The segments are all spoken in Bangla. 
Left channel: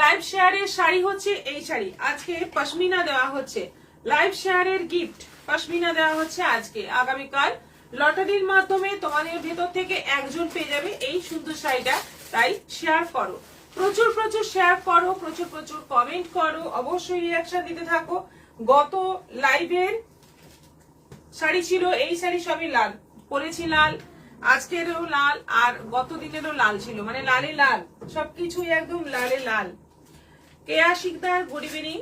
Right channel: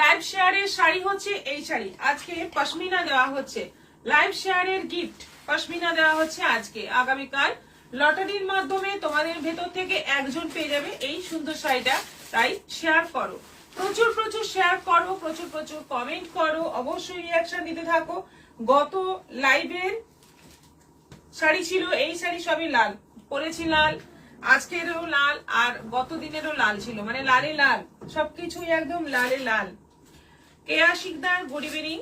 লাইভ শেয়ারের শাড়ি হচ্ছে এই শাড়ি, আজকে পশমিনা দেওয়া হচ্ছে। লাইভ শেয়ারের গিফট পশমিনা দেওয়া হচ্ছে আজকে। আগামীকাল লটারির মাধ্যমে তোমাদের ভেতর থেকে একজন পেয়ে যাবে এই সুন্দর শাড়িটা। তাই শেয়ার করো, প্রচুর প্রচুর শেয়ার করো, প্রচুর প্রচুর কমেন্ট করো, অবশ্যই রিয়াকশন দিতে থাকো। গত লাইভের শাড়ি ছিল এই শাড়ি সবই লাল, পরেছি লাল, আজকেরও লাল, আর গত দিনেরও লাল ছিল, মানে লালে লাল, সবকিছুই একদম লালে লাল। Keya Sikdar good evening,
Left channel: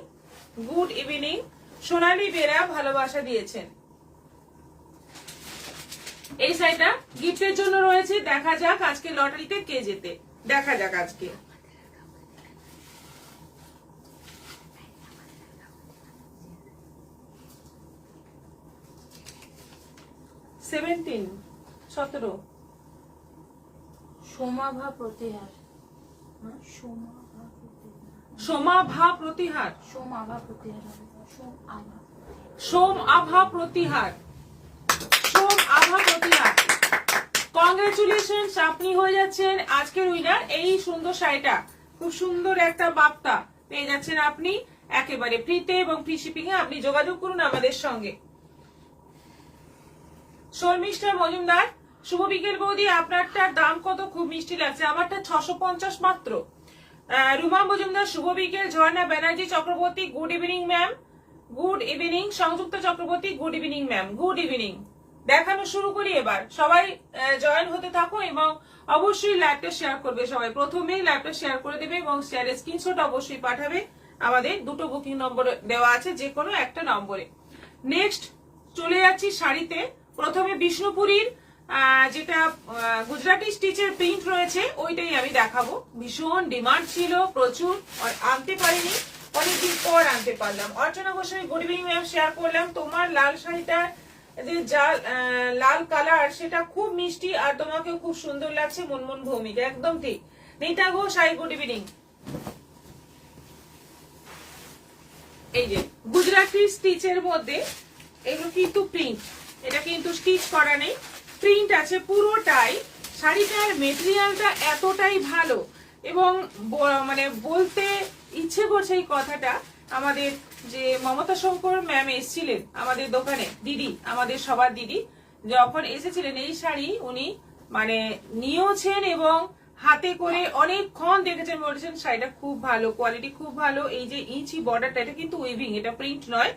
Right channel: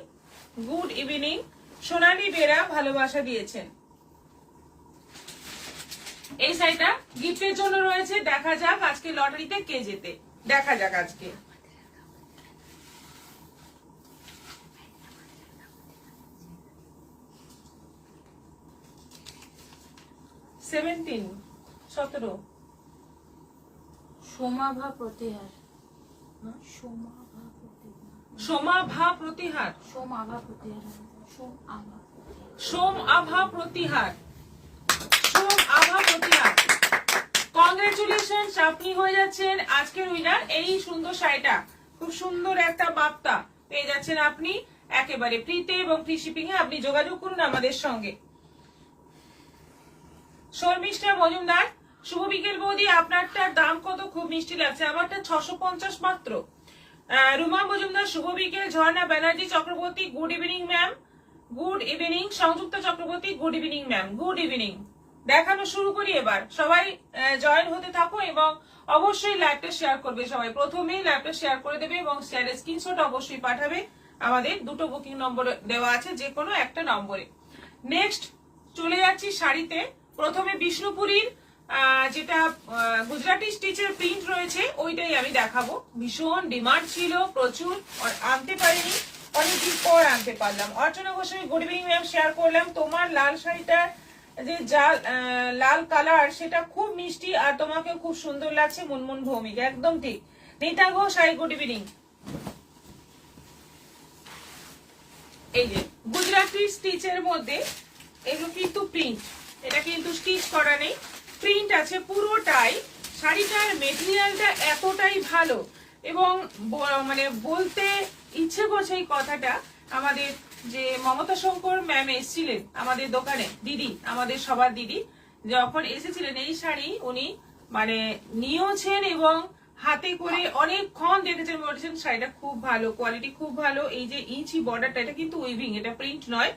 good evening. Sonali Bera ভালোবাসা দিয়েছেন। এই শাড়িটা গিফটের জন্য রয়েছে। দেখা যাক আজকে লটারিতে কে জেতে, দেখা যাক আজকে। সতেরো সোমাভা প্রতিহার, সোমাভা প্রতিহার, সোম আভা প্রতিহার, সোম আভা প্রতিহার, সোম আভা প্রতিহার। কংগ্রেচুলেশন, আপনি হয়ে যাচ্ছেন আজকের উইনার। এই সুন্দর শাড়িটা, খুব সুন্দর একটা বার্তা পেয়ে যাচ্ছেন আপনি একেবারে ফ্রিতে এবং ফ্রি শিপিং এ। আপনি যোগাযোগ করুন আমাদের সঙ্গে। শর্মিষ্ঠা মজুমদার, শুভ বিকেল বৌদি, আপনারটার দাম কত? খুব মিষ্টি লাগছে, আমারটা 650 মাত্র। রুমা মজুমদার শুভ বিকেল। Jharna Banerjee Chakraborty good evening ma'am, good evening. Sanjukta Chakraborty good evening ma'am, good evening. দেখানো শুরু করি এবার, সবাই জয়েন হতে থাকো এবং অবশ্যই লাইভটা শেয়ার করবে। সবাই প্রথমেই লাইভটা শেয়ার করে দেবে এবং শেয়ারের স্ক্রিনশট অবশ্যই পাঠাবে। আমাদের দুটো বুকিং নম্বর দেওয়া আছে, যে কোনো একটা নম্বরে। নেক্সট চলে যাচ্ছি শাড়িতে। প্রথমে বিষ্ণুপুরীর যেটা গুজরাটি স্টিচের প্রিন্ট রয়েছে ওইটাই আমি দেখাবো। ভীষণ ডিমান্ড ছিল, প্রচুর, আনতে পারিনি, অনেকদিন পর আনতে পারলাম। Archana Goswami good evening ma'am, share করলাম। তোমার লাল শাড়িটার যে লাল কালার সেটা খুব মিষ্টি আর তোমাকে খুব সুন্দর লাগছে। মুনমুন ভৌমিক, একদম ঠিক। Rita Ghosh high good evening. এই যে গুজরাটি স্টিচের মধ্যে এই কিন্তু প্রিন্ট, এটা কিন্তু স্টিচ করা নেই, প্রিন্ট আছে পুরোটাই। শাড়িটার মেটেরিয়ালটা এতটাই ভালো এবং মানে বলতে ইচ্ছে করছে এই কথাটা। আমাদের যে মমতা শঙ্কর ম্যাম এসেছিলেন আমাদের দোকানে, দিদি, আমাদের সবার দিদি, যখন এসেছিলেন এই শাড়ি উনি মানে নিয়েছেন এবং হাতে করে অনেকক্ষণ দেখেছেন, বলেছেন শাড়িটা খুব ভালো, কোয়ালিটি খুব ভালো। এই যে ইঞ্চি বর্ডারটা, এটা কিন্তু উইভিং, এটা প্রিন্ট নয়,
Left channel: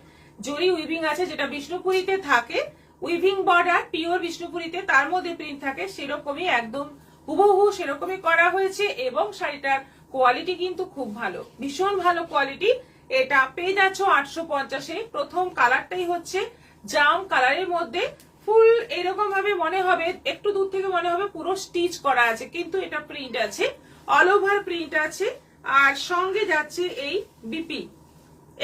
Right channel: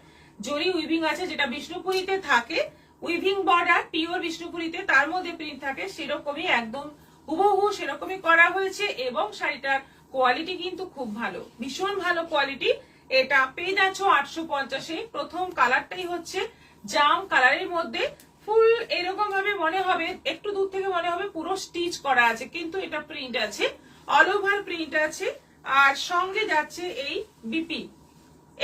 জরি উইভিং আছে, যেটা বিষ্ণুপুরীতে থাকে উইভিং বর্ডার, পিওর বিষ্ণুপুরীতে তার মধ্যে প্রিন্ট থাকে, সেরকমই একদম হুবহু সেরকমই করা হয়েছে। এবং শাড়িটার কোয়ালিটি কিন্তু খুব ভালো, ভীষণ ভালো কোয়ালিটি। এটা পেয়ে যাচ্ছ 850-এ। প্রথম কালারটাই হচ্ছে জাম কালারের মধ্যে, ফুল এরকম ভাবে মনে হবে, একটু দূর থেকে মনে হবে পুরো স্টিচ করা আছে, কিন্তু এটা প্রিন্ট আছে, অল ওভার প্রিন্ট আছে। আর সঙ্গে যাচ্ছে এই বিপি,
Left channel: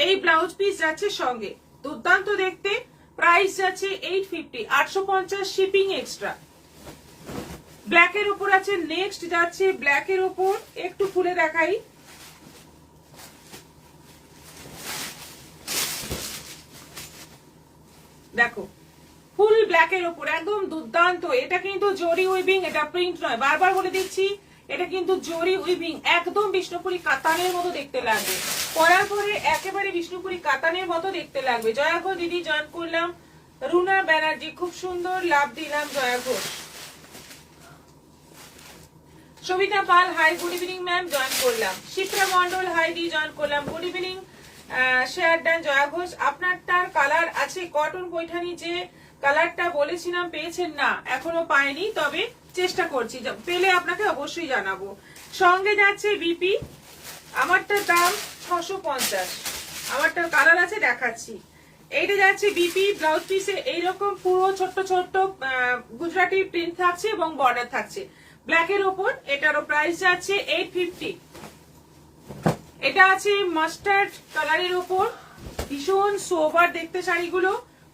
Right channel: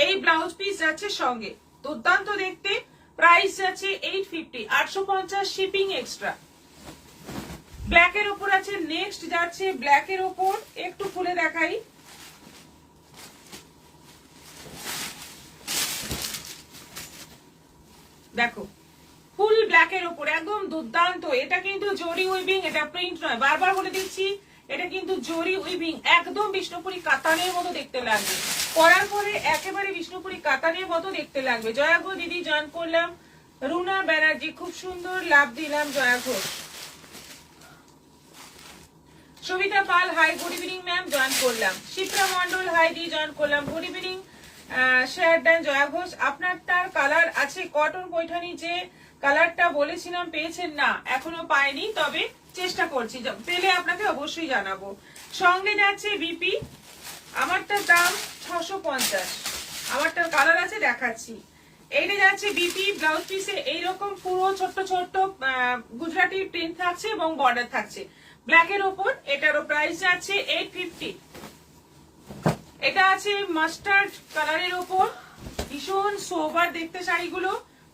এই ব্লাউজ পিস যাচ্ছে সঙ্গে, দুর্দান্ত দেখতে। প্রাইস যাচ্ছে 850, 850 শিপিং এক্সট্রা। ব্ল্যাকের উপর আছে। নেক্সট যাচ্ছে ব্ল্যাকের উপর, একটু খুলে দেখাই। দেখো ফুল ব্ল্যাকের উপর, একদম দুর্দান্ত। এটা কিন্তু জরি উইভিং, এটা প্রিন্ট নয়, বারবার বলে দিচ্ছি, এটা কিন্তু জরি উইভিং, একদম বিষ্ণুপুরি কাতানের মতো দেখতে লাগবে। পরার পরে একেবারে বিষ্ণুপুরি কাতানের মতো দেখতে লাগবে। জয়া ঘোষ দিদি জয়েন করলাম। রুনা ব্যানার্জি খুব সুন্দর, লাভ দিলাম Jaya Ghosh. Sabita Pal hi good evening ma'am, join করলাম। শিপ্রা মন্ডল হাই দি জয়েন করলাম, good evening. Share done Jaya Ghosh. আপনার তার কালার আছে কটন পৈঠানি, যে কালারটা বলেছিলাম পেয়েছেন না? এখনো পাইনি, তবে চেষ্টা করছি, পেলে আপনাকে অবশ্যই জানাবো। সঙ্গে যাচ্ছে বিপি, আমারটার দাম 650, আমারটার কালার আছে দেখাচ্ছি। এইটা যাচ্ছে বিপি, ব্লাউজ পিসে এইরকম পুরো ছোট্ট ছোট্ট গুজরাটি প্রিন্ট থাকছে এবং বর্ডার থাকছে ব্ল্যাকের ওপর। এটারও প্রাইস আছে 850। এটা আছে মাস্টার্ড কালারের ওপর, ভীষণ সোবার দেখতে শাড়িগুলো।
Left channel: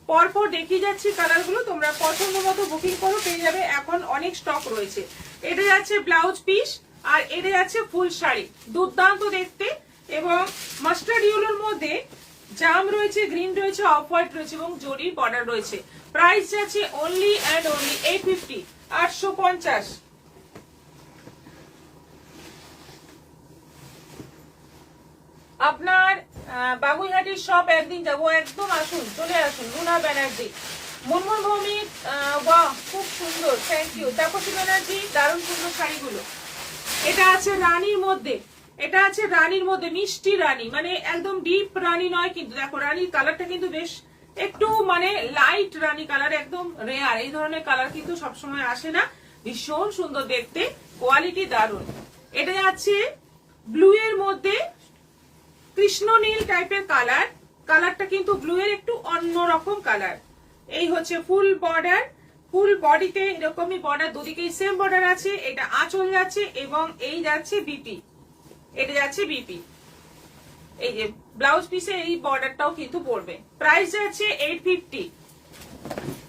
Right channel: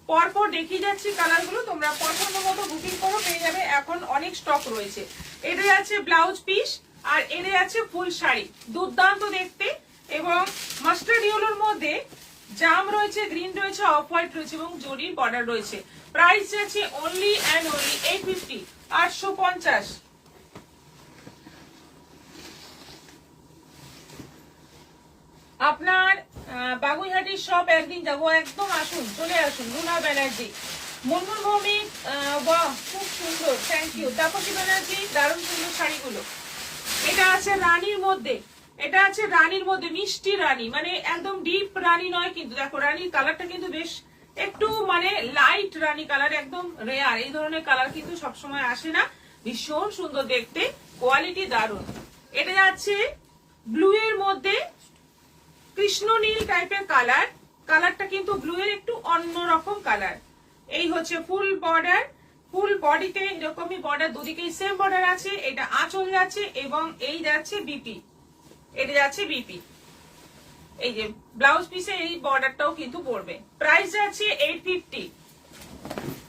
পরপর দেখিয়ে যাচ্ছি কালারগুলো, তোমরা পছন্দ মতো বুকিং করো, পেয়ে যাবে, এখন অনেক স্টক রয়েছে। এটা যাচ্ছে ব্লাউজ পিস আর এটা যাচ্ছে ফুল শাড়ি, দুর্দান্ত দেখতে। এবং মাস্টার্ড ইয়েলোর মধ্যে জাম রয়েছে, গ্রিন রয়েছে, অফ হোয়াইট রয়েছে এবং জরির বর্ডার রয়েছে। প্রাইস যাচ্ছে অনলি অ্যান্ড অনলি 850, 850। আপনার বাগুইহাটির সব একদিন যাবো, একদম আসুন, চলে আসুন। রুনা ব্যানার্জি, মুনমুন ভৌমিক, বাহ খুব সুন্দর, থ্যাংক ইউ। তাপসী ব্যানার্জি, দারুণ সুন্দর শাড়িগুলো। এটা আছে রানীর মধ্যে, এটা আছে রানীর মধ্যে, মিষ্টি রানী, মানে একদম ডিপ রানী নয় কিন্তু, দেখো রানীর কালারটা কিন্তু বেশ একটু মানে লাইট রানী কালার, একদম রেয়ার। এই ধরনের কালার কিন্তু সবসময় আসে না, ভীষণ সুন্দর দেখতে, কোয়ালিটি দারুণ। এটা যাচ্ছে ব্লু এর মধ্যে, কৃষ্ণ নীল টাইপের কালার, কালারটা কিন্তু ব্লু এর একটু অন্যরকম কালার। এই হচ্ছে ফুল বর্ডার, ফুল বডিতে এরকমই বর্ডার, দুদিকেই সেম বর্ডার আছে। এটা আঁচল যাচ্ছে এবং এই যাচ্ছে বিপি, এটা যাচ্ছে বিপি। এই যে ব্লাউজ পিসে এই বর্ডারটাও কিন্তু পড়বে। প্রাইস যাচ্ছে 850।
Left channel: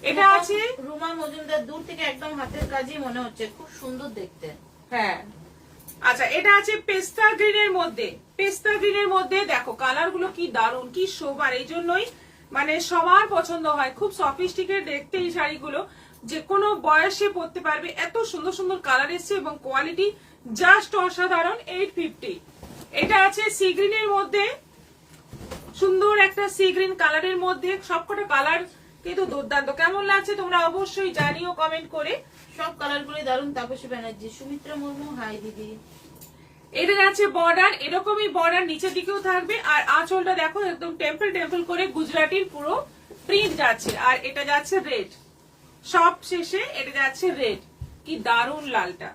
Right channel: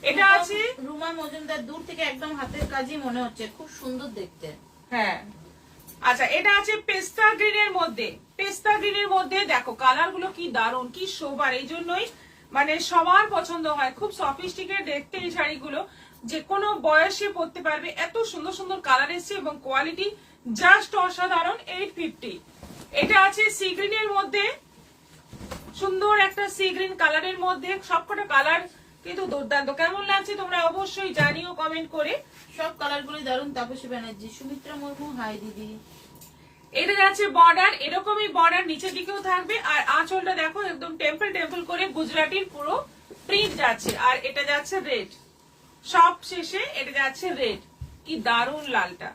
এটা আছে রুমা মজুমদার, দূর থেকে একদম হাতের কাজই মনে হচ্ছে, খুব সুন্দর দেখতে। হ্যাঁ, আচ্ছা এটা আছে পেস্তা গ্রিনের মধ্যে, পেস্তা গ্রিনের মধ্যে দেখো কালার গুলো কি দারুণ, কি সোবার, এই জন্যই মানে সবার পছন্দ হয়। খুব সফিস্টিকেট দেখতে এই শাড়িগুলো, যে কোনো বয়সে পরতে পারবে, এত সুন্দর সুন্দর কালার এসছে এবং কোয়ালিটি জাস্ট অসাধারণ। 850। এটা আছে সি গ্রিনের মধ্যে, সুন্দর একটা সি গ্রিন কালারের মধ্যে, সবকটা কালার কিন্তু দুর্দান্ত। কেমন লাগছে তোমরা অবশ্যই জানিও কমেন্ট করে। সব কালার গুলি দারুণ। তাপসী ব্যানার্জি, সুমিত্রা মুর্মু, হাই দিদি। এটা যাচ্ছে বর্ডার, এরকমই বর্ডার নিচের দিকেও থাকবে, আর আঁচলটা দেখো একদম টেম্পল টেম্পল করে গুজরাটির পুরো প্রিন্ট যাচ্ছে। আর এটা যাচ্ছে রেড, সব শেষে এটা যাচ্ছে রেড। কি দারুণ লালটা,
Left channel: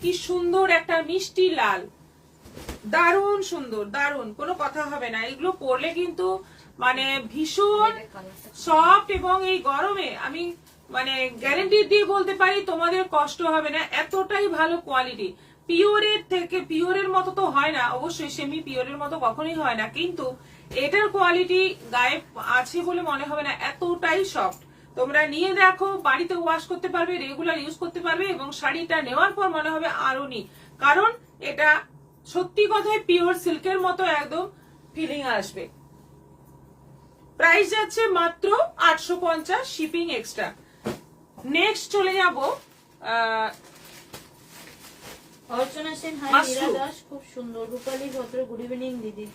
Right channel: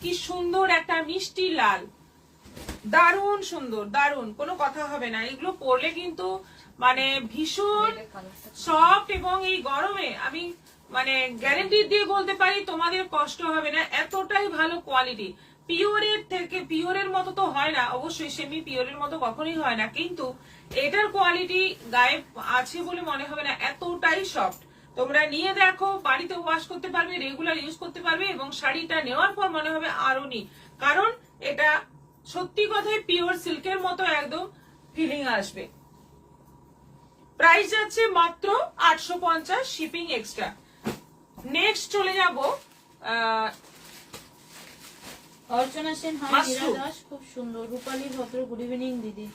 কি সুন্দর একটা মিষ্টি লাল, দারুণ সুন্দর, দারুণ, কোনো কথা হবে না। এগুলো পরলে কিন্তু মানে ভীষণ সফট, এবং এই গরমে আমি মানে গ্যারেন্টি দিয়ে বলতে পারি তোমাদের কষ্ট হবে না, এতটাই ভালো কোয়ালিটি। পিওরের থেকে, পিওরের মতো তো হয় না অবশ্যই, সেমি পিওরের মতো কখনোই হয় না, কিন্তু এটার কোয়ালিটি গায়ে আছে বলে মনে হবে না, এতটাই সফট। তোমরা নিয়ে দেখো, বাড়িতে ওয়াশ করতে পারবে, রেগুলার ইউজ করতে পারবে, এবং শাড়িটা নেওয়ার পর মনে হবে আরো নি, কারণ এটা সত্যি কথায় পিওর সিল্কের মতো একদম ফিলিং আসবে। প্রাইস যাচ্ছে মাত্র 850, শিপিং এক্সট্রা। নেক্সট চলে যাব অর্চনা সেন, হাই মাশরু। নীরা দাস, খুব সুন্দর। রূপালী ভদ্র, গুড ইভিনিং দিদি।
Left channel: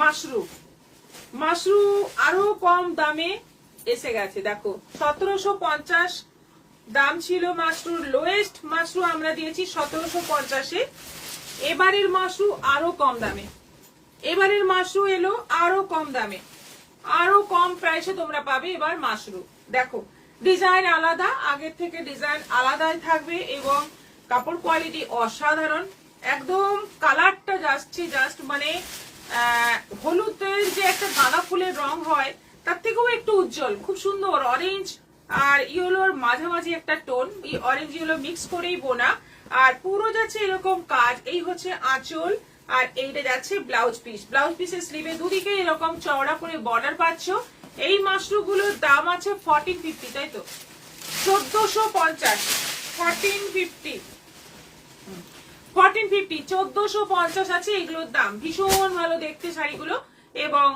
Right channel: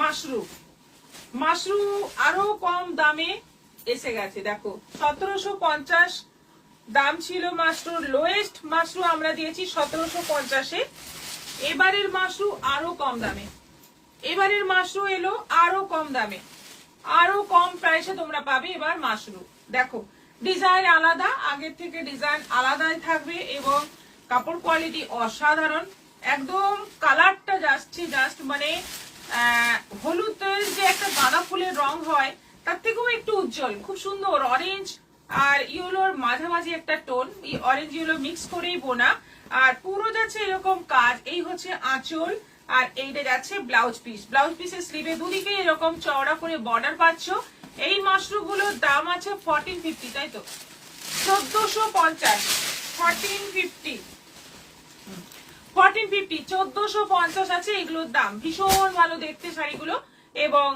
মাশরু, মাশরু আরো কম দামে এসে গেছে, দেখো 1750 দাম ছিল মাশরুর, লোয়েস্ট মাশরু আমরা দিয়েছি 1750-এ। এবারের মাশরু আরো কম দামে, এবারের মাশরু এলো আরো কম দামে, আরো কম প্রাইসে তোমরা পাবে এবার মাশরু। দেখো ডিজাইন আলাদা, আগের থেকে ডিজাইন আলাদাই থাকবে, এবং কাপড় কোয়ালিটি অসাধারণ, একদম কালারটা যাচ্ছে জাস্ট মানে হলুদের যে একটা গাঁদা ফুলের রং হয় তার থেকেও একটু উজ্জ্বল, খুব সুন্দর। অরেঞ্জ আর ইয়েলোর মাঝামাঝি একটা টোন, এই অরেঞ্জ ইয়েলো মিক্স করেই বোনা, আর পুরো যাচ্ছে এরকম কাজ। এই হচ্ছে আঁচল, আর এইটা যাচ্ছে ব্লাউজ পিস, ব্লাউজ পিসের স্লিভে দুদিকে এরকম চওড়া করে বর্ডার পাচ্ছ। এই মাশরুগুলোর দাম আছে 1450, তাই তো 1450, 1450, 1450 আছে এগুলোর দাম। ভীষণ ভালো দেখতে শাড়িগুলো, এবং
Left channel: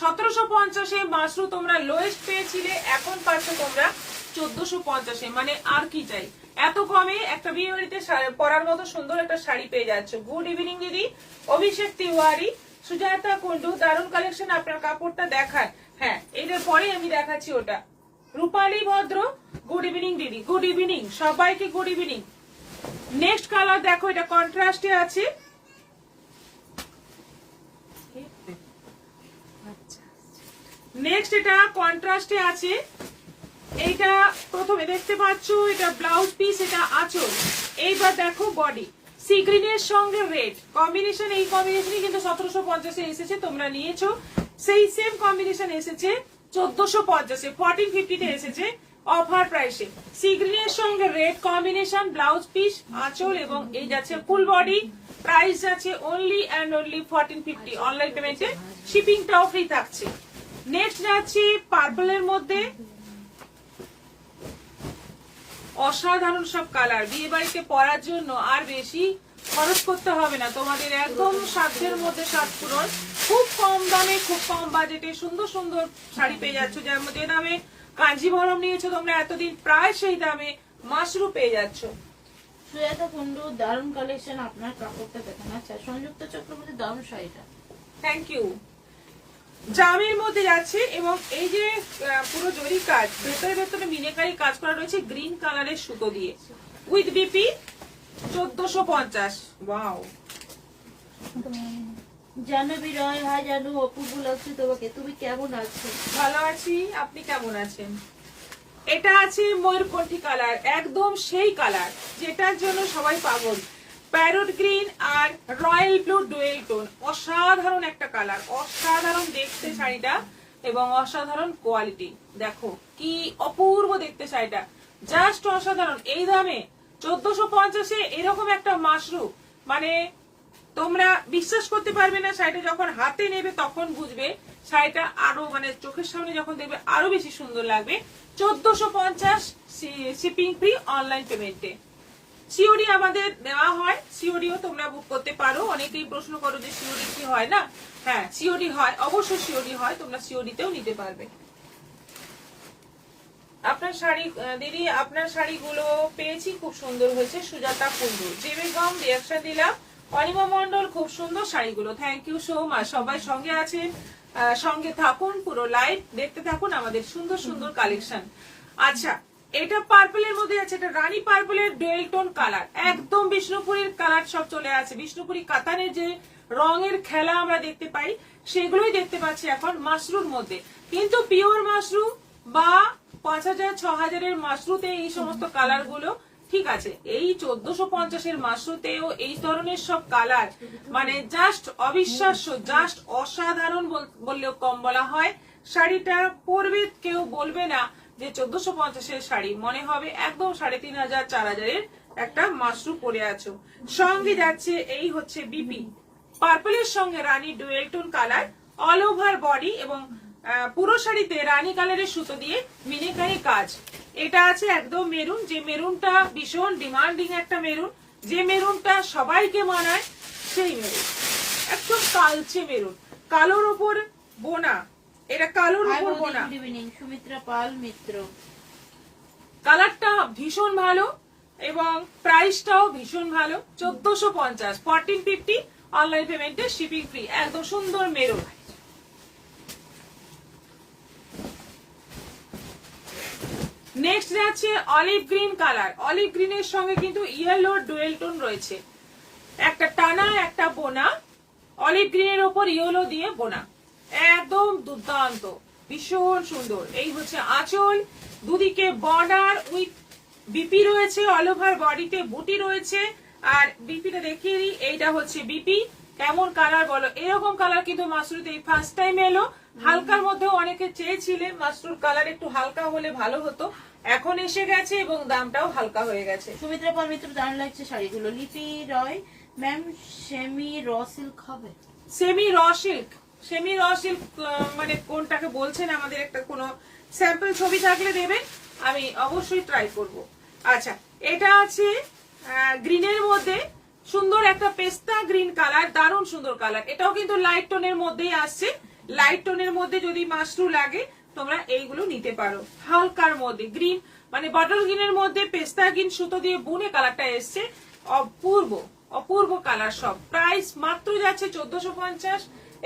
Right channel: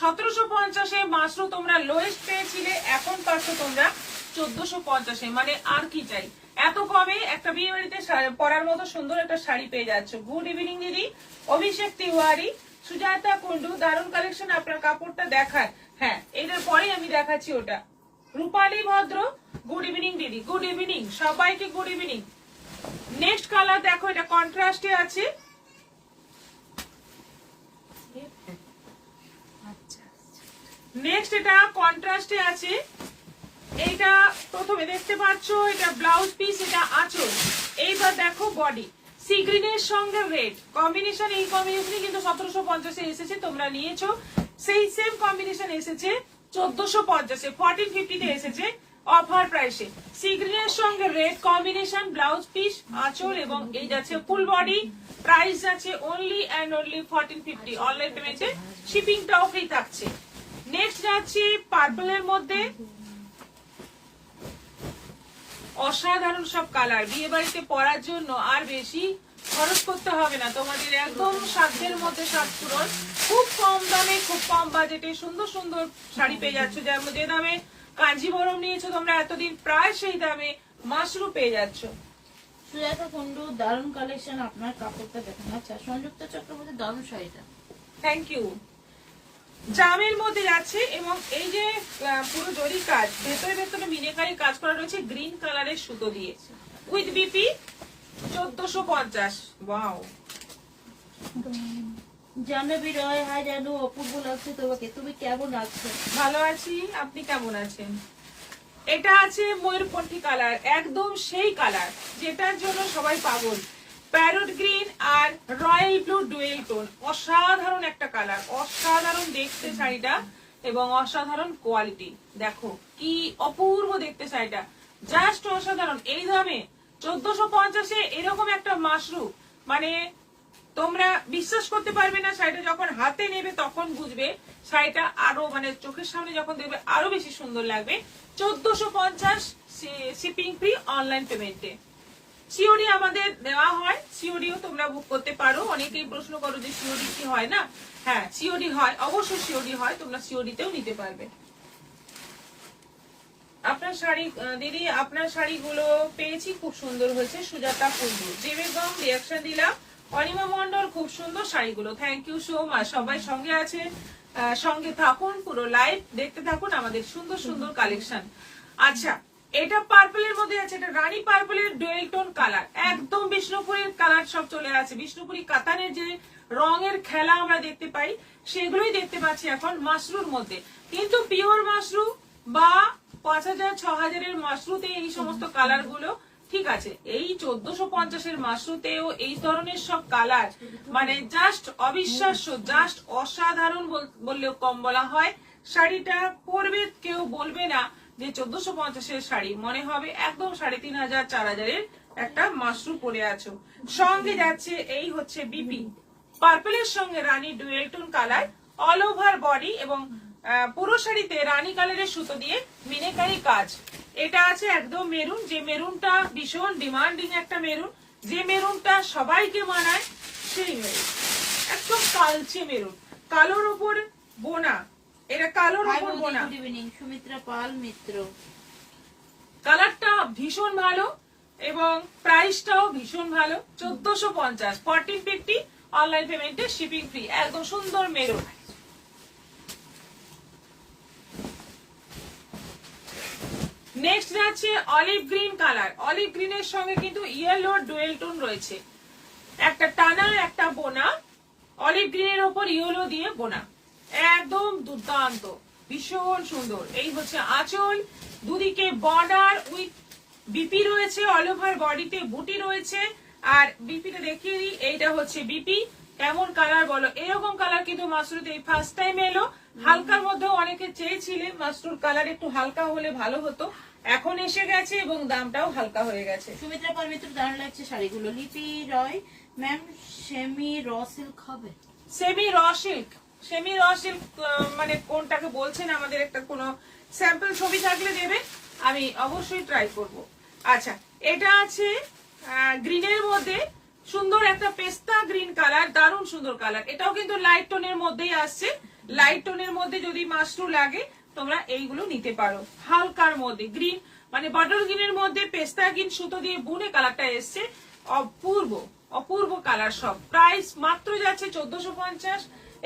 1750-এ মাশরু তোমরা লোয়েস্ট পেয়েছিলে, এখন পাচ্ছ তোমরা 1450-এ, মানে আর কি চাই, এত কমে একটা বিয়ে বাড়িতে পরার মতো সুন্দর একটা শাড়ি পেয়ে যাচ্ছ। গুড ইভিনিং দিদি। অভিষেক তিওয়ারি, সুজাতা কুন্ডু, দারুণ কালেকশন, আপনার কাপড়টা দেখায়। হ্যাঁ, এটার পরে আমি দেখাচ্ছি ওটা। রূপালী ভদ্র, গুড ইভিনিং দিদি। গুড ইভিনিং সবাইকে, গুড ইভিনিং। নেক্সট কালার দেখো, এটা কন্ট্রাস্টে আছে, নেক্সট এটা কন্ট্রাস্টে আছে। এইটা প্রথমে দেখতে পাচ্ছ, এটা ব্লাউজ পিস, এটা আঁচল, এইবার দেখো বডি। সি গ্রিনের সঙ্গে রেড কম্বিনেশন, এই কম্বিনেশনই কিন্তু 1750-এ এসেছে, তোমরা নিয়েছো, সেই সেম কম্বিনেশন এসেছে 1450-এ, 1450-তে এসেছে অফার প্রাইসে। সি গ্রিনের সঙ্গে রেড কম্বিনেশন, ব্লাউজ পিস, আঁচল, এবং এই যাচ্ছে ফুল বডি। প্রাইস যাচ্ছে অনলি অ্যান্ড অনলি 1450, অনলাইন পেমেন্টে শিপিংটাও ফ্রি থাকছে। নেক্সট যাচ্ছি পার্পলের মধ্যে, অসাধারণ সব কালার, বিয়ে বাড়িতে পরার জন্য আর বেশি খরচ করতে হবে না তোমাদের, একদম সাধ্যের মধ্যে সাত পূরণ, খুব কম দামে খুব কম বাজেটে সুন্দর সুন্দর শাড়ি পেয়ে যাচ্ছ। যে দামে কাঞ্জিভরম নিয়েছো তোমরা এতদিন, প্রায় সেই দামে মাশরু পেয়ে যাচ্ছ। সুজাতা কুন্ডু দারুণ কালেকশন, আপনার কাপড়টা দেখেন। আচ্ছা, সংযুক্ত চক্রবর্তী দারুণ শাড়িটা, থ্যাংক ইউ। জামের মধ্যে যাচ্ছে এবং এই যে পুরো জরি কাজ, ভেতরে ভেতরে মিনেকারি কাজ করা রয়েছে গ্রিন কালারের সুতো দিয়ে, with BP 1450। Wow, Jahnavi Roy, hi জানু, অপূর্ব লাগছে তোমাকে, তুমি কেমন আছো? ভালো আছি, আপনি কেমন আছেন? এটা আছে ময়ূরকণ্ঠী কালার, একদম সেই কালার যেটার জন্য সবাই পাগল, প্যারট গ্রিন আর রয়্যাল ব্লু ডুয়েল টোন, অসাধারণ একটা কালার, অসাধারণ দেখতে শাড়িটা এবং অসাধারণ কোয়ালিটি। দেখো কি অপূর্ব দেখতে শাড়িটা, জাস্ট অসাধারণ। এই দামে 1450-এ এরকম একটা মাশরু, মানে তোমরা বিশ্বাস করতে পারবে না, শাড়িটা যখন হাতে নেবে তখন বুঝবে, শাড়িটা আরো মানে চোখের সামনে যখন দেখবে আরো বেশি সুন্দর লাগবে। 1450 শিপিং ফ্রি, অনলাইন পেমেন্টে। সিওডি আমাদের দেওয়া হয়, সিওডিও তোমরা বুক করতে পারো। অনেকেই প্রশ্ন করো যে সিওডি কি হয় না, হ্যাঁ সিওডি হয়, অবশ্যই সিওডি হয়, তোমরা সিওডিতেও নিতে পারবে। আপনার শাড়ি দিদি, আপনার শাড়িগুলো পেয়েছি, খুব সুন্দর হয়েছে। সুজাতা কুন্ডু, জেবেগম রিয়াকশন দিলাম। অনিমা মন্ডল, খুব সুন্দর শাড়িগুলো, থ্যাংক ইউ সো মাচ। সবাই সঙ্গে আছেন, সঙ্গে থাকুন, পুরো লাইভ দেখতে থাকুন আমাদের সুন্দর সুন্দর কালেকশন। আচ্ছা, এটা পার্পলের মধ্যে আছে, এটা রানী পার্পলের ডুয়েল টোন কালার, একদম বিষ্ণুপুরের কালার সব চলে আছে। বিষ্ণুপুরি কাতানের যে রঙের খেলা আমরা দেখতে পাই সেগুলোই দেখতে পাচ্ছি এখন মাশরুর মধ্যে, কিন্তু পিওর মাশরু বা 5000 6000-এর মাশরুতে এই সমস্ত কালার গুলো ঠিক আছে, এই 1450-এর মাশরুতেও এই ধরনের সব কালার, মানে জাস্ট অবিশ্বাস্য, জাস্ট অসাধারণ বললেও কম বলা হয়। শাড়িটা পরবে কেউ বলবে না যে 1450-এর শাড়ি, মনে হবে একদম 3500 4000-এর একটা মাশরু পরে আছো। সঙ্গে যাচ্ছে এই হচ্ছে বিপি পার্পলের সঙ্গে রানী dual tone colour, all over body এবং পুরো শাড়িতে রানী কালারের সুতো দিয়ে মিনেকারি কাজ। এটা আছে একদম মেরুন, যে মেরুনটা ভীষণ ডিমান্ডিং একটা মেরুন, যে মেরুনটা সবাইকে মানায় সেই মেরুন, একদম কালচে মেরুন, কালোর ওপর বোনা, এটা কালোর ওপর বোনা। গুড ইভিনিং সুমিত্রা পাল মিত্র, কালারটা ভীষণ ভালো এবং প্রাইসটাও ভীষণ ভালো। 1450, 1450 অনলাইন পেমেন্টে শিপিং ফ্রি, একদম সুন্দর মেরুন। নেক্সট যাচ্ছে অলিভ গ্রিন কালার, অলিভ গ্রিনের সঙ্গে কিন্তু ইয়েলো ডুয়েল টোন রয়েছে, একটা টানা একটা বোনা, অলিভ গ্রিনের ওপর ইয়েলো দিয়ে বোনা, একদম দুর্দান্ত, ভীষণ সুন্দর। এই হচ্ছে আঁচল, দুদিকে বর্ডার উইথ বিপি রয়েছে, অল ওভার বডিতে বুটি রয়েছে। আর বিপিটা দেখিয়ে দিই, এইটা হচ্ছে বিপি, কেমন কালার বলো, এরকম কালার কিন্তু মাশরুতে ফার্স্ট টাইম এলো। হালকার মধ্যেও অনেকে চেয়েছিলেন মাশরুর কালার একটু হালকা হলে ভালো হতো, এখন এসে গেছে এবং দামটাও হালকা হয়ে গেছে। সুমিত্রা পাল মিত্র, দারুণ লাগছে শাড়িগুলো। লিপি রয় ম্যাম, সেমি র সিল্ক হবে? Semi raw silk, semi raw silk মানে কোনটাকে বলছেন, আমাদের একটা কোনো স্যাম্পল ছবি থাকলে দেবেন, আমি অবশ্যই ট্রাই করব। আচ্ছা, এটা আছে গ্রিনের মধ্যে, সুন্দর একটা পেস্তা গ্রিন কালার, দারুণ সুন্দর কালার, এটাও কিন্তু লাইট টোনের মধ্যেই আসছে। লাইট টোনের মধ্যে যদি মাশরু লাগে তোমরা এইগুলো নিতে পারো। হালকার মধ্যে গ্রিন, মানে বটল গ্রিনের মধ্যে পেস্তা গ্রিন সুতো দিয়ে বুনে কালারটা এসছে, অপূর্ব অপূর্ব কালার সব। প্রাইস মাত্র যাচ্ছে 1450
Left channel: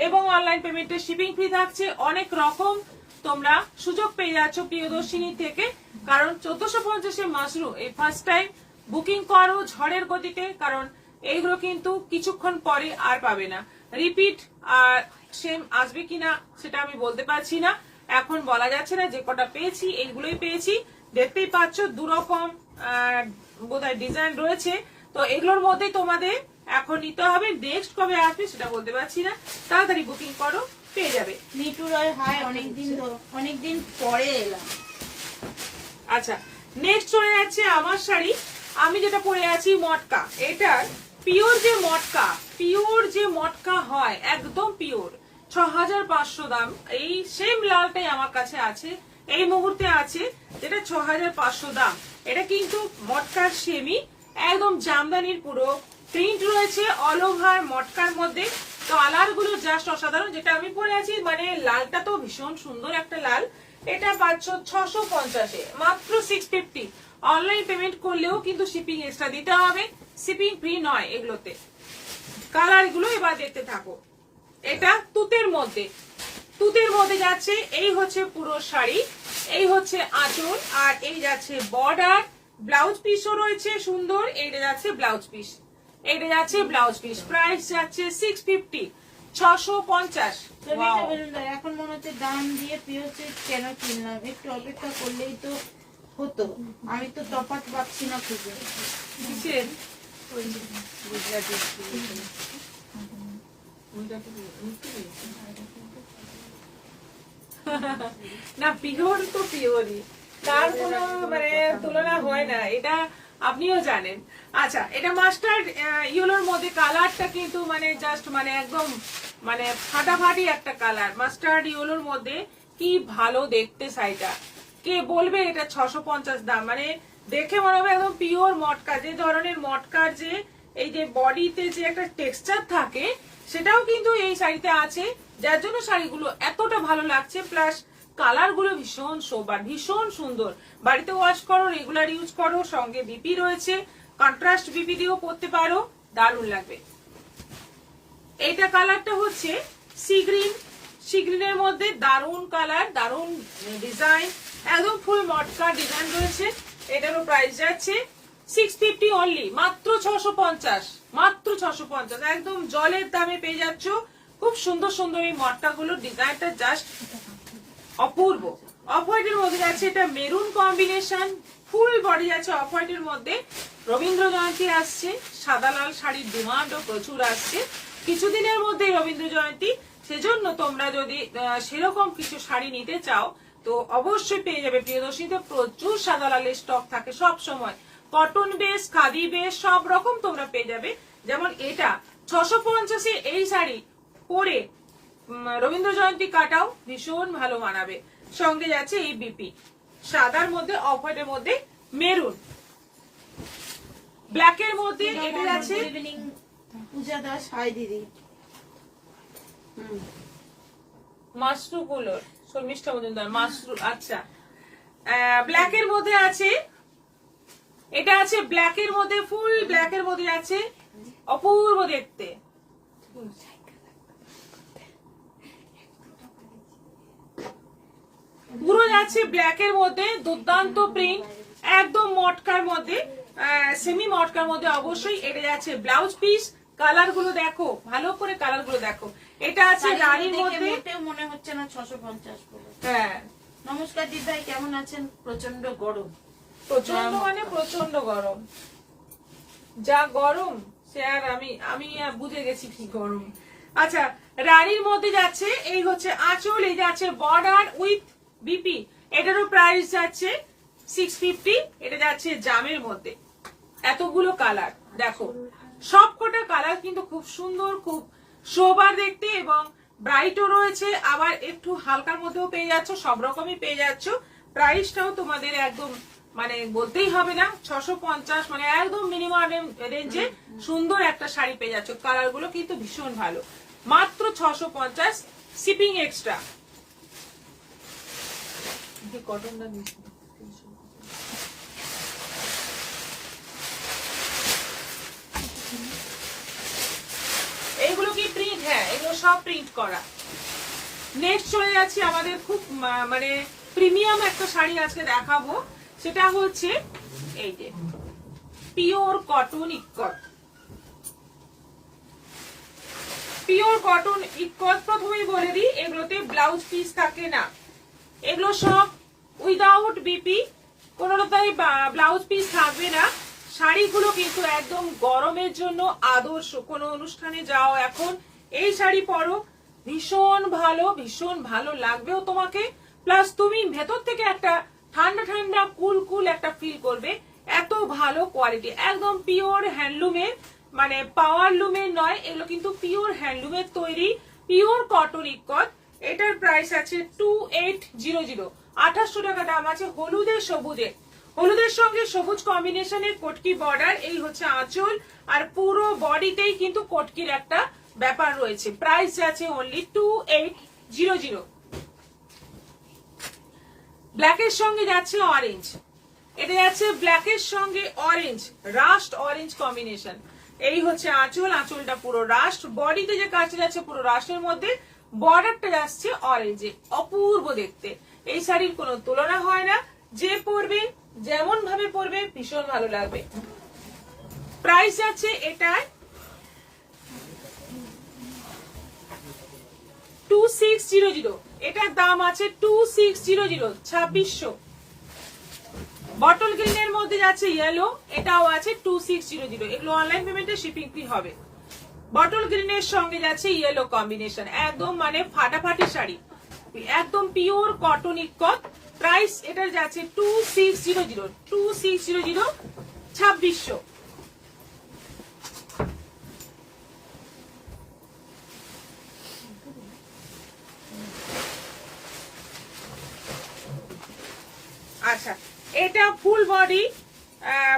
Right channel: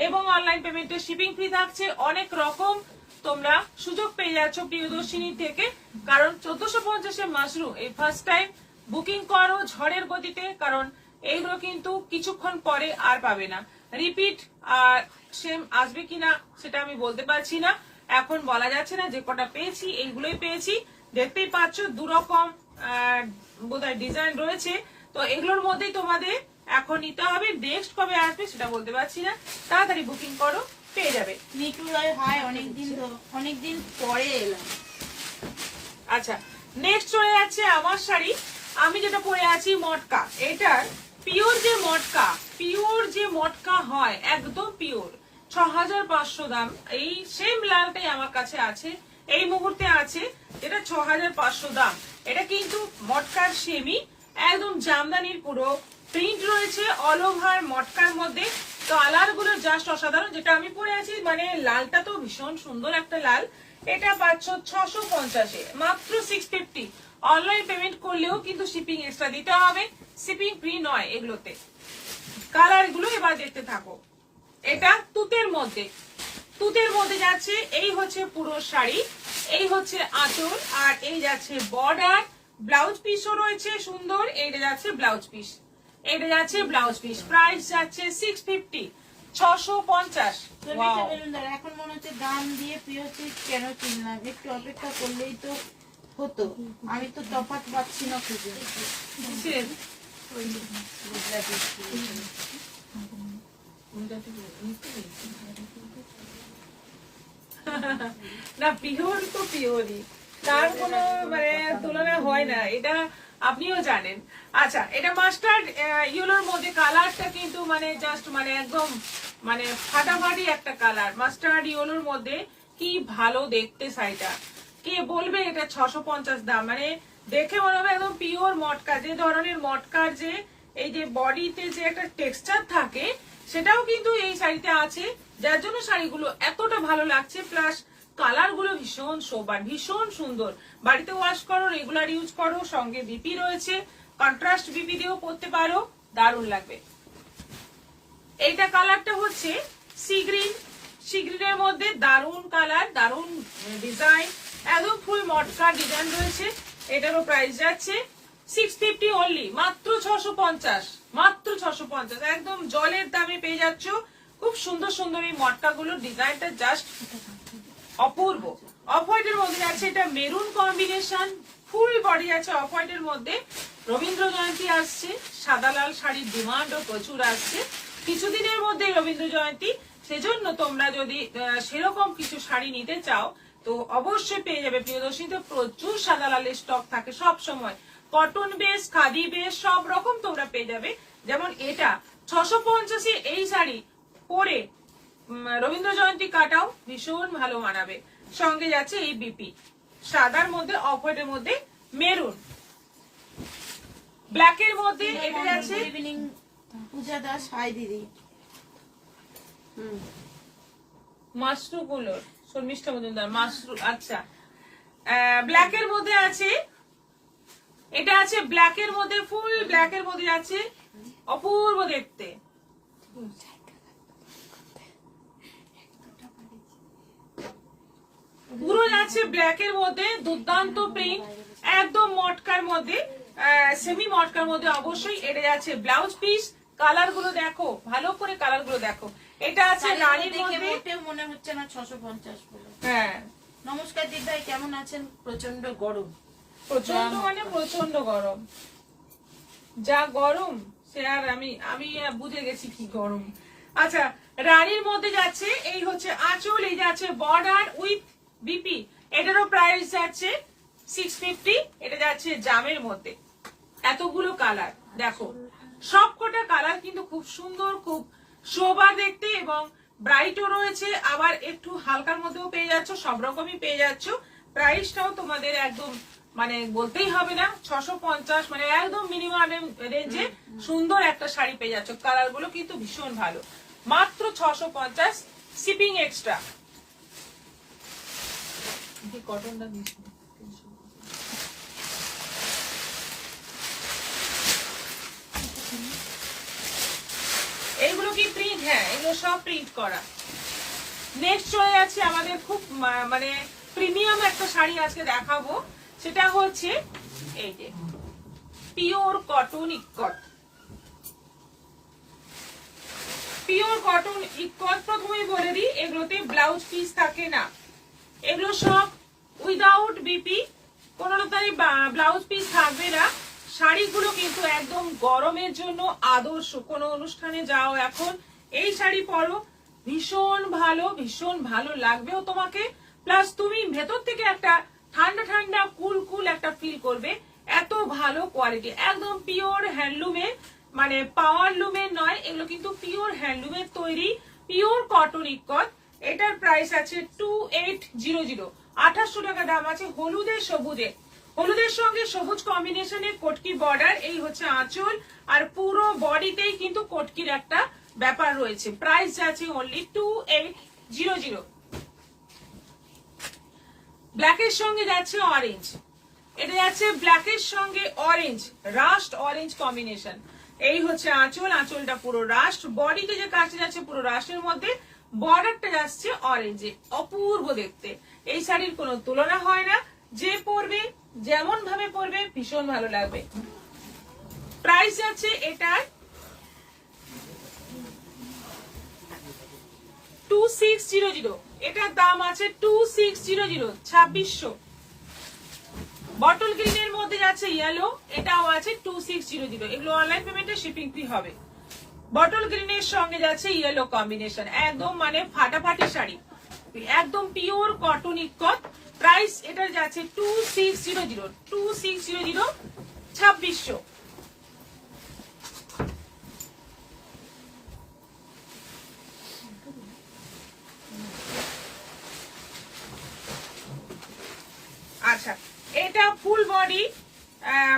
এবং অনলাইন পেমেন্টে শিপিং ফ্রি থাকছে। অনেক রকম তোমরা সুযোগ পেয়ে যাচ্ছ প্রিয়দর্শিনী থেকে, কারণ 1450-এ মাশরু এই ফার্স্ট টাইম বুকিং করো ঝড়ের গতিতে, কারণ এইগুলো কিন্তু কিছুক্ষণ পরে আর পাবে না। রিপিট সেম আসবে কিনা সেটা আমি বলতে পারছি না, এখন বলা যাচ্ছে না। যে কটা পেয়েছি এইগুলোই পেয়েছি, দেখতেই পাচ্ছ দুরকম বোধহয় ডিজাইন রয়েছে, তো এগুলোর মধ্যেই তোমাদের এখন নিতে হবে। নেক্সট কবে আসবে সেটা বলতে পারছি না, তাড়াতাড়ি বুকিং করো, পেয়ে যাবে। মিটু রায়, হাই, অনেকদিন পরে এলাম। আচ্ছা, নেক্সট চলে যাচ্ছে আমার শাড়ি, আমি যেটা পরে আছি মটকা, এটার পিওর যে মটকা হয়, একদম পিওর, 6500 দাম। এই সেম লালটাই আমার কাছে আছে, এই মুহূর্তে আছে, যেটা 6500 দাম। এটা কিন্তু মটকার সেমি, একদম জামদানির পুরো প্রিন্ট রয়েছে অল ওভার মটকার মধ্যে। কালার গুলো জাস্ট অসাধারণ। যেটা আমি পরে আছি মানে লালটা তো ভীষণ সুন্দর একটা লাল। এটা পাচ্ছ 650-এ, মাত্র 650। অনলাইন পেমেন্ট করলেও কিন্তু শিপিং এক্সট্রা দিতে হবে, শিপিং ফ্রি নয় এগুলোতে। কালার গুলো এবার দেখতে থাকো। এটা তুতের মধ্যে, তুতের মধ্যে যাচ্ছে। এই হচ্ছে পুরো শাড়ি, এই হচ্ছে আঁচল, আর এই যাচ্ছে বর্ডার। ব্লাউজ পিসও রয়েছে সুন্দর। এইটা যাচ্ছে ব্লাউজ পিস, এইটা যাচ্ছে ব্লাউজ পিস। প্রাইস যাচ্ছে 650, 650। এখন মনে হচ্ছে দাম দিয়ে পিওসে কেন কিনলাম, একটু অপেক্ষা করলেই তো হতো। আমি তো তফাৎ পাচ্ছি না খুঁজে। না পিওর তো পিওরই, তার কোনো মানে তুলনা হয় না, এটা আপনিও জানেন। আচ্ছা, এটা মাস্টার্ড ইয়েলোর মধ্যে কালারটা কিন্তু মানে জাস্ট মানে একদম মানে ফাটাফাটি একটা কালার। মাস্টার্ড ইয়েলোর মধ্যে কি ভালো দেখতে শাড়িটা। কে বলবে এটা 650 দাম? মানে দেখে মনে হবে একদম পিওর মটকা। যে ধরনের মটকার যে এই যে বডিতে যে একটা টেক্সচার থাকে সেটাও কিন্তু এই শাড়িতে আছে, যার জন্য শাড়িগুলো এতটা ভালো লাগছে। প্লাস কালার গুলো ভীষণ সোবার, ভীষণ সুন্দর। বাড়িতে ওয়াশ করো, রেগুলার ইউজ করো, সঙ্গে বিপি রয়েছে, কন্ট্রাস্ট বিপি দিয়েও পরতে পারো, দারুণ লাগবে। এইটা কালারটা হচ্ছে সি গ্রিন, সি গ্রিনের মধ্যে দারুণ কালার, দারুণ ডিজাইন, একদম ফুল মটকা ডিজাইন রয়েছে। এটারও প্রাইস যাচ্ছে 650 অনলি, মাত্র 650, মাত্র 650। একদম জলের দামে পেয়ে যাচ্ছ। খুব সুন্দর সুন্দর এই মটকা গুলো, ডিজাইনটা জাস্ট অপূর্ব। অফ হোয়াইটের মধ্যে যাচ্ছে, এটা মেরুন কম্বিনেশন, ফুল বডি যাচ্ছে অফ হোয়াইটের মধ্যে। রবীন্দ্র জয়ন্তী আসছে, সাদা লাল শাড়ির ডিমান্ডও প্রচুর আসছে কিছুদিনের মধ্যে রবীন্দ্র জয়ন্তী। সেজন্য তোমরা যদি সেরকম কিছু শাড়ি নিতে চাও তো অবশ্যই পেয়ে যাবে প্রিয়দর্শনীতে। প্রচুর সাদা লালের স্টক থাকে সব সময়, কটন বেস, খাদি বেস, সব রকম তোমরা পেয়ে যাবে। যেমন এটা 650-এ এই শাড়ি পরে রবীন্দ্র জয়ন্তী কাটাও ভীষণ ভালো মানাবে। সঙ্গে যাচ্ছে এই বিপি, সাদার মধ্যে অফ হোয়াইটের মধ্যে মেরুন, ব্ল্যাকের মধ্যে এটা যাচ্ছে পূজা দাস। হাই দিদি। মাশরু গুলোর শর্মিষ্ঠা মজুমদার মাশরু। আচ্ছা, ব্ল্যাকের মধ্যে আছে, এটা আছে ব্ল্যাকের মধ্যে, ফুল ব্ল্যাকের মধ্যে আছে, অপূর্ব দেখতে। পুরো যাচ্ছে ব্ল্যাকের মধ্যে, দুর্দান্ত প্রিন্ট, একদম মটকার মধ্যে, সেমি মটকার মধ্যে অবশ্যই। এটা যাচ্ছে ব্লাউজ পিস। কালার গুলো দেখো, ভালো করে কালার গুলো দেখো। এটা আছে রানীর মধ্যে, মনে হচ্ছে না 650 বলে। হ্যাঁ। নমস্কার দিদাই, কেমন আছেন? প্রচন্ড গরম, প্রচন্ড মানে প্রচন্ড গরম, যা গরম সে আর আমি আর বুঝে গেছি কি গরম। আচ্ছা, রানীর মধ্যে যাচ্ছে, এই হচ্ছে আঁচল, এই যাচ্ছে বর্ডার উইথ বিপি। এটারও প্রাইস যাচ্ছে 650। এটা যাচ্ছে জামের মধ্যে, এতগুলো কালার দেখো, সবকটা কালার কিন্তু খুব সুন্দর, খুব সোবার দেখতে এবং ব্রাইটও রয়েছে, আবার একটু হালকার মধ্যেও পেয়ে যাচ্ছ, সব রকমই পেয়ে যাচ্ছ। প্রাইসটাও তোমাদের একদম মানে বলতেই হবে না, 650, মানে একদম মিনিমাম রেঞ্জে সুন্দর একটা শাড়ি পেয়ে যাচ্ছ। কালার গুলো কিন্তু ভীষণ ভালো, মাত্র 650, শিপিং এক্সট্রা। কটনটা এইগুলো কি প্রিন্ট? হ্যাঁ, এগুলো সব প্রিন্ট করা। নেক্সট চলে যাচ্ছে আমাদের খুব মানে প্রিমিয়াম একটা শাড়ি আজকে দেখাবো, সেটা হচ্ছে এই যে পিওর কটন ইক্কট। পিওর কটন ইক্কট প্রথমেই বলে দিই, এগুলোতে ব্লাউজ পিস থাকে না, এগুলো সব উইদাউট বিপি, কোনোটাই ব্লাউজ পিস থাকবে না। শাড়িগুলো কিন্তু একদম গরমের জন্য আদর্শ। কোনো অনুষ্ঠানে যাও এখন এই শাড়ি পরো, ভীষণ ভালো, ভীষণ ভালো লাগবেও তোমাকে। প্লাস তুমি ভেতর থেকে একটা ঠান্ডা ঠান্ডা কুল কুল একটা ফিল করবে। এত ভালো কোয়ালিটি, একদম পিওর হ্যান্ডলুমের, মানে পাওয়ার লুমের নয়, এগুলো কিন্তু পিওর হ্যান্ডলুমের তৈরি, পিওর কটন ইক্কট। এটার প্রাইস আছে 2800, 2800 টাকা দাম আছে। হলুদে সবুজে, হলুদের সঙ্গে সবুজ কম্বিনেশনের কটকি বর্ডার, এই হচ্ছে আঁচল, আর পুরো বডিতেই কিন্তু কটকির একটা ব্যাপার রয়েছে। প্রাইস যাচ্ছে অনলি 2800। ব্ল্যাকের সঙ্গে যাচ্ছে অরেঞ্জ, এটা যাচ্ছে ব্ল্যাকের সঙ্গে অরেঞ্জ, রাস্ট অরেঞ্জ কম্বিনেশন। এই হচ্ছে আঁচল, আঁচলটা পুরো রাস্ট, বডিতে যে কাজটা যাচ্ছে পুরো রাস্টের মধ্যে, বর্ডারটা যাচ্ছে অরেঞ্জে, অপূর্ব দেখতে। এই শাড়ির কোনো তুলনা হয় না, যে পরবে যেমন ভাবে পরবে ভীষণ ভালো লাগবে। প্রাইস যাচ্ছে এটার 2600, এটার দাম আছে 2600, 2600। বটল গ্রিনের মধ্যে যাচ্ছে ইয়েলো, এটাও আছে 2600। এগুলো অনলাইন পেমেন্টে শিপিং ফ্রি হবে। বটল গ্রিনের সঙ্গে যাচ্ছে ইয়েলো কম্বিনেশন, একদম মানে ফাটাফাটি শাড়ি, একদম পিওর কটন ইকত। প্রাইস এটার যাচ্ছে 2600, 2600। আচ্ছা, এটা ফুল বডি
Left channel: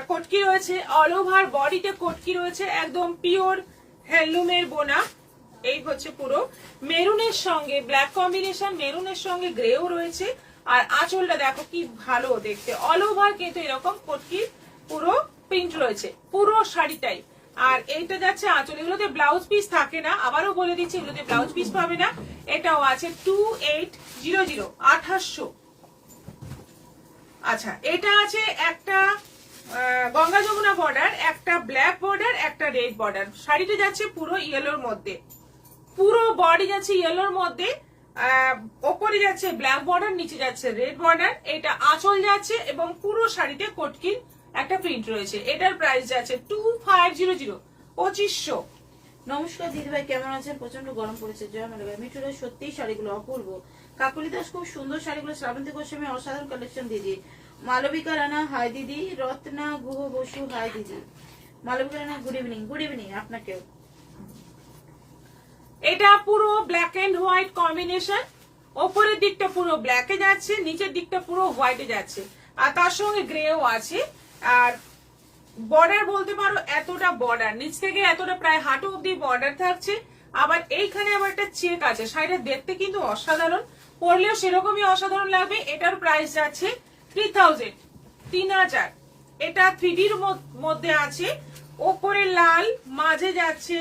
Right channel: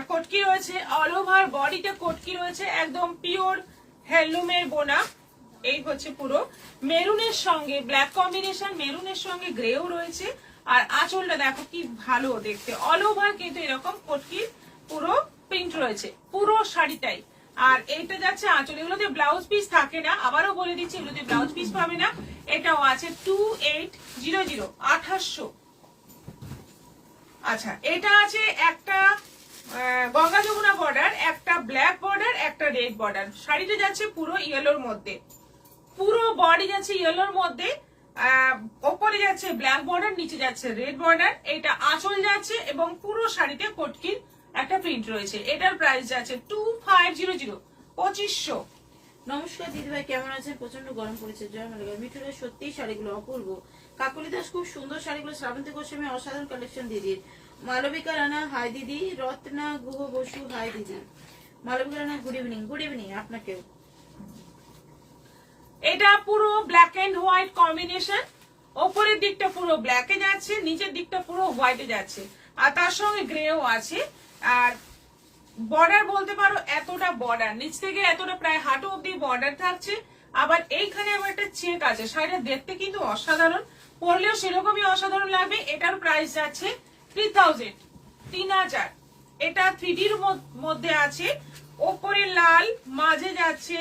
কটকি রয়েছে, অল ওভার বডিতে কটকি রয়েছে, একদম পিওর হ্যান্ডলুমের বোনা। এই হচ্ছে পুরো মেরুনের সঙ্গে ব্ল্যাক কম্বিনেশন, মেরুনের সঙ্গে গ্রেও রয়েছে। আর আঁচলটা দেখো কি ভালো দেখতে, অল ওভার কিন্তু এরকম কটকির পুরো প্রিন্ট রয়েছে পুরো শাড়িটাই। আর এইটা যাচ্ছে আঁচল, এগুলোতে ব্লাউজ পিস থাকে না, আবারও বলে দিচ্ছি এগুলোতে ব্লাউজ পিস পাবে না। এটাও আছে 2800, 2800। আচ্ছা, এটা আছে একটা গঙ্গা যমুনা বর্ডার, একটা ব্ল্যাক বর্ডার, একটা রেড বর্ডার। শাড়িতে যাচ্ছে পুরো ইয়েলোর মধ্যে, পুরো বডি যাচ্ছে ইয়েলোর মধ্যে, ওপরে যাচ্ছে ব্ল্যাক বর্ডার, নিচে যাচ্ছে রেড বর্ডার। এটা আঁচল যাচ্ছে এবং পুরো শাড়িতে কটকির একটা প্রিন্ট রয়েছে। এটার প্রাইস যাচ্ছে 2500, 2500। নমস্কার দিদিভাই, কেমন আছেন? প্রচন্ড গরম পড়েছে, জয় মালিকা। মিঠুরা সত্যি শাড়িগুলো অপূর্ব। কাকুলি দাস খুব সুন্দর শাড়িগুলো, শ্রাবন্তী গোস্বামী অসাধারণ কালেকশন দিদি। মালবিকা রানা হাই দিদি, রত্না গুহ বসু হাই দিদি। Malabika Rana good evening. Good evening আপনাকেও। এটা পুরো ব্ল্যাক এন্ড হোয়াইট কম্বিনেশন, ওপরের দিকটা পুরো ব্ল্যাকে যাচ্ছে, নিচের দিকটা পুরো হোয়াইটে যাচ্ছে, আর তার সঙ্গে গ্রেও আছে। আর বর্ডার বলতে পারো এতটা বর্ডার, নিচ থেকে এতটা প্রায় হাঁটু অব্দি বর্ডার থাকছে। আবার এইখানে আবার একটা চেক আছে। শাড়িটা দেখতে কিন্তু অসাধারণ, পরলেও সেরকমই অসাধারণ লাগবে। এটার প্রাইস যাচ্ছে 3000। এটা 3Dর মধ্যে আছে, ওপরে লাল, মাঝে যাচ্ছে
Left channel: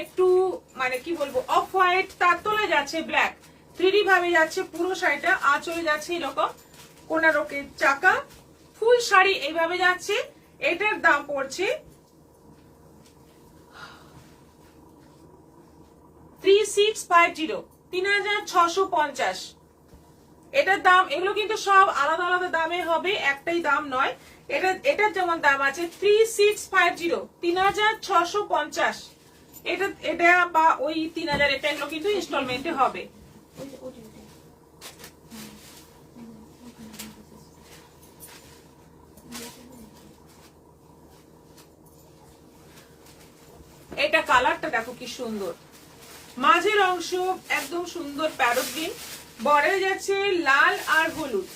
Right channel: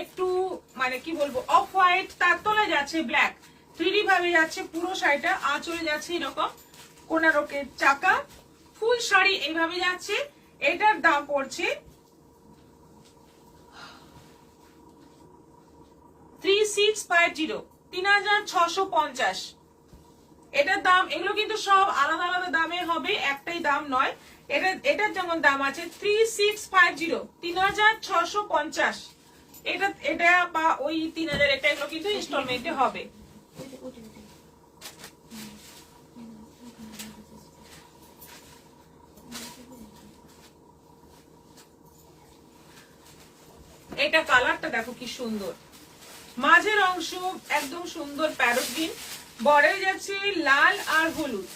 একটু মানে কি বলবো অফ হোয়াইট, তার তলে যাচ্ছে ব্ল্যাক, 3D ভাবে যাচ্ছে পুরো শাড়িটা। আঁচলে যাচ্ছে এরকম কোনারকের চাকা, ফুল শাড়ি এইভাবে যাচ্ছে। এটার দাম পড়ছে 3650, 3650। এটার দাম, এগুলো কিন্তু সব আলাদা আলাদা দামে হবে, একটাই দাম নয়। এটার যেমন দাম আছে 3650, 3650। এটা বা ওই 3000, এটা এগুলো কিন্তু ইনস্টলমেন্টে হবে। এটা কালারটা দেখো কি সুন্দর, মাঝের অংশ একদম সুন্দর প্যারট গ্রিন, বর্ডারে যাচ্ছে লাল আর হলুদ,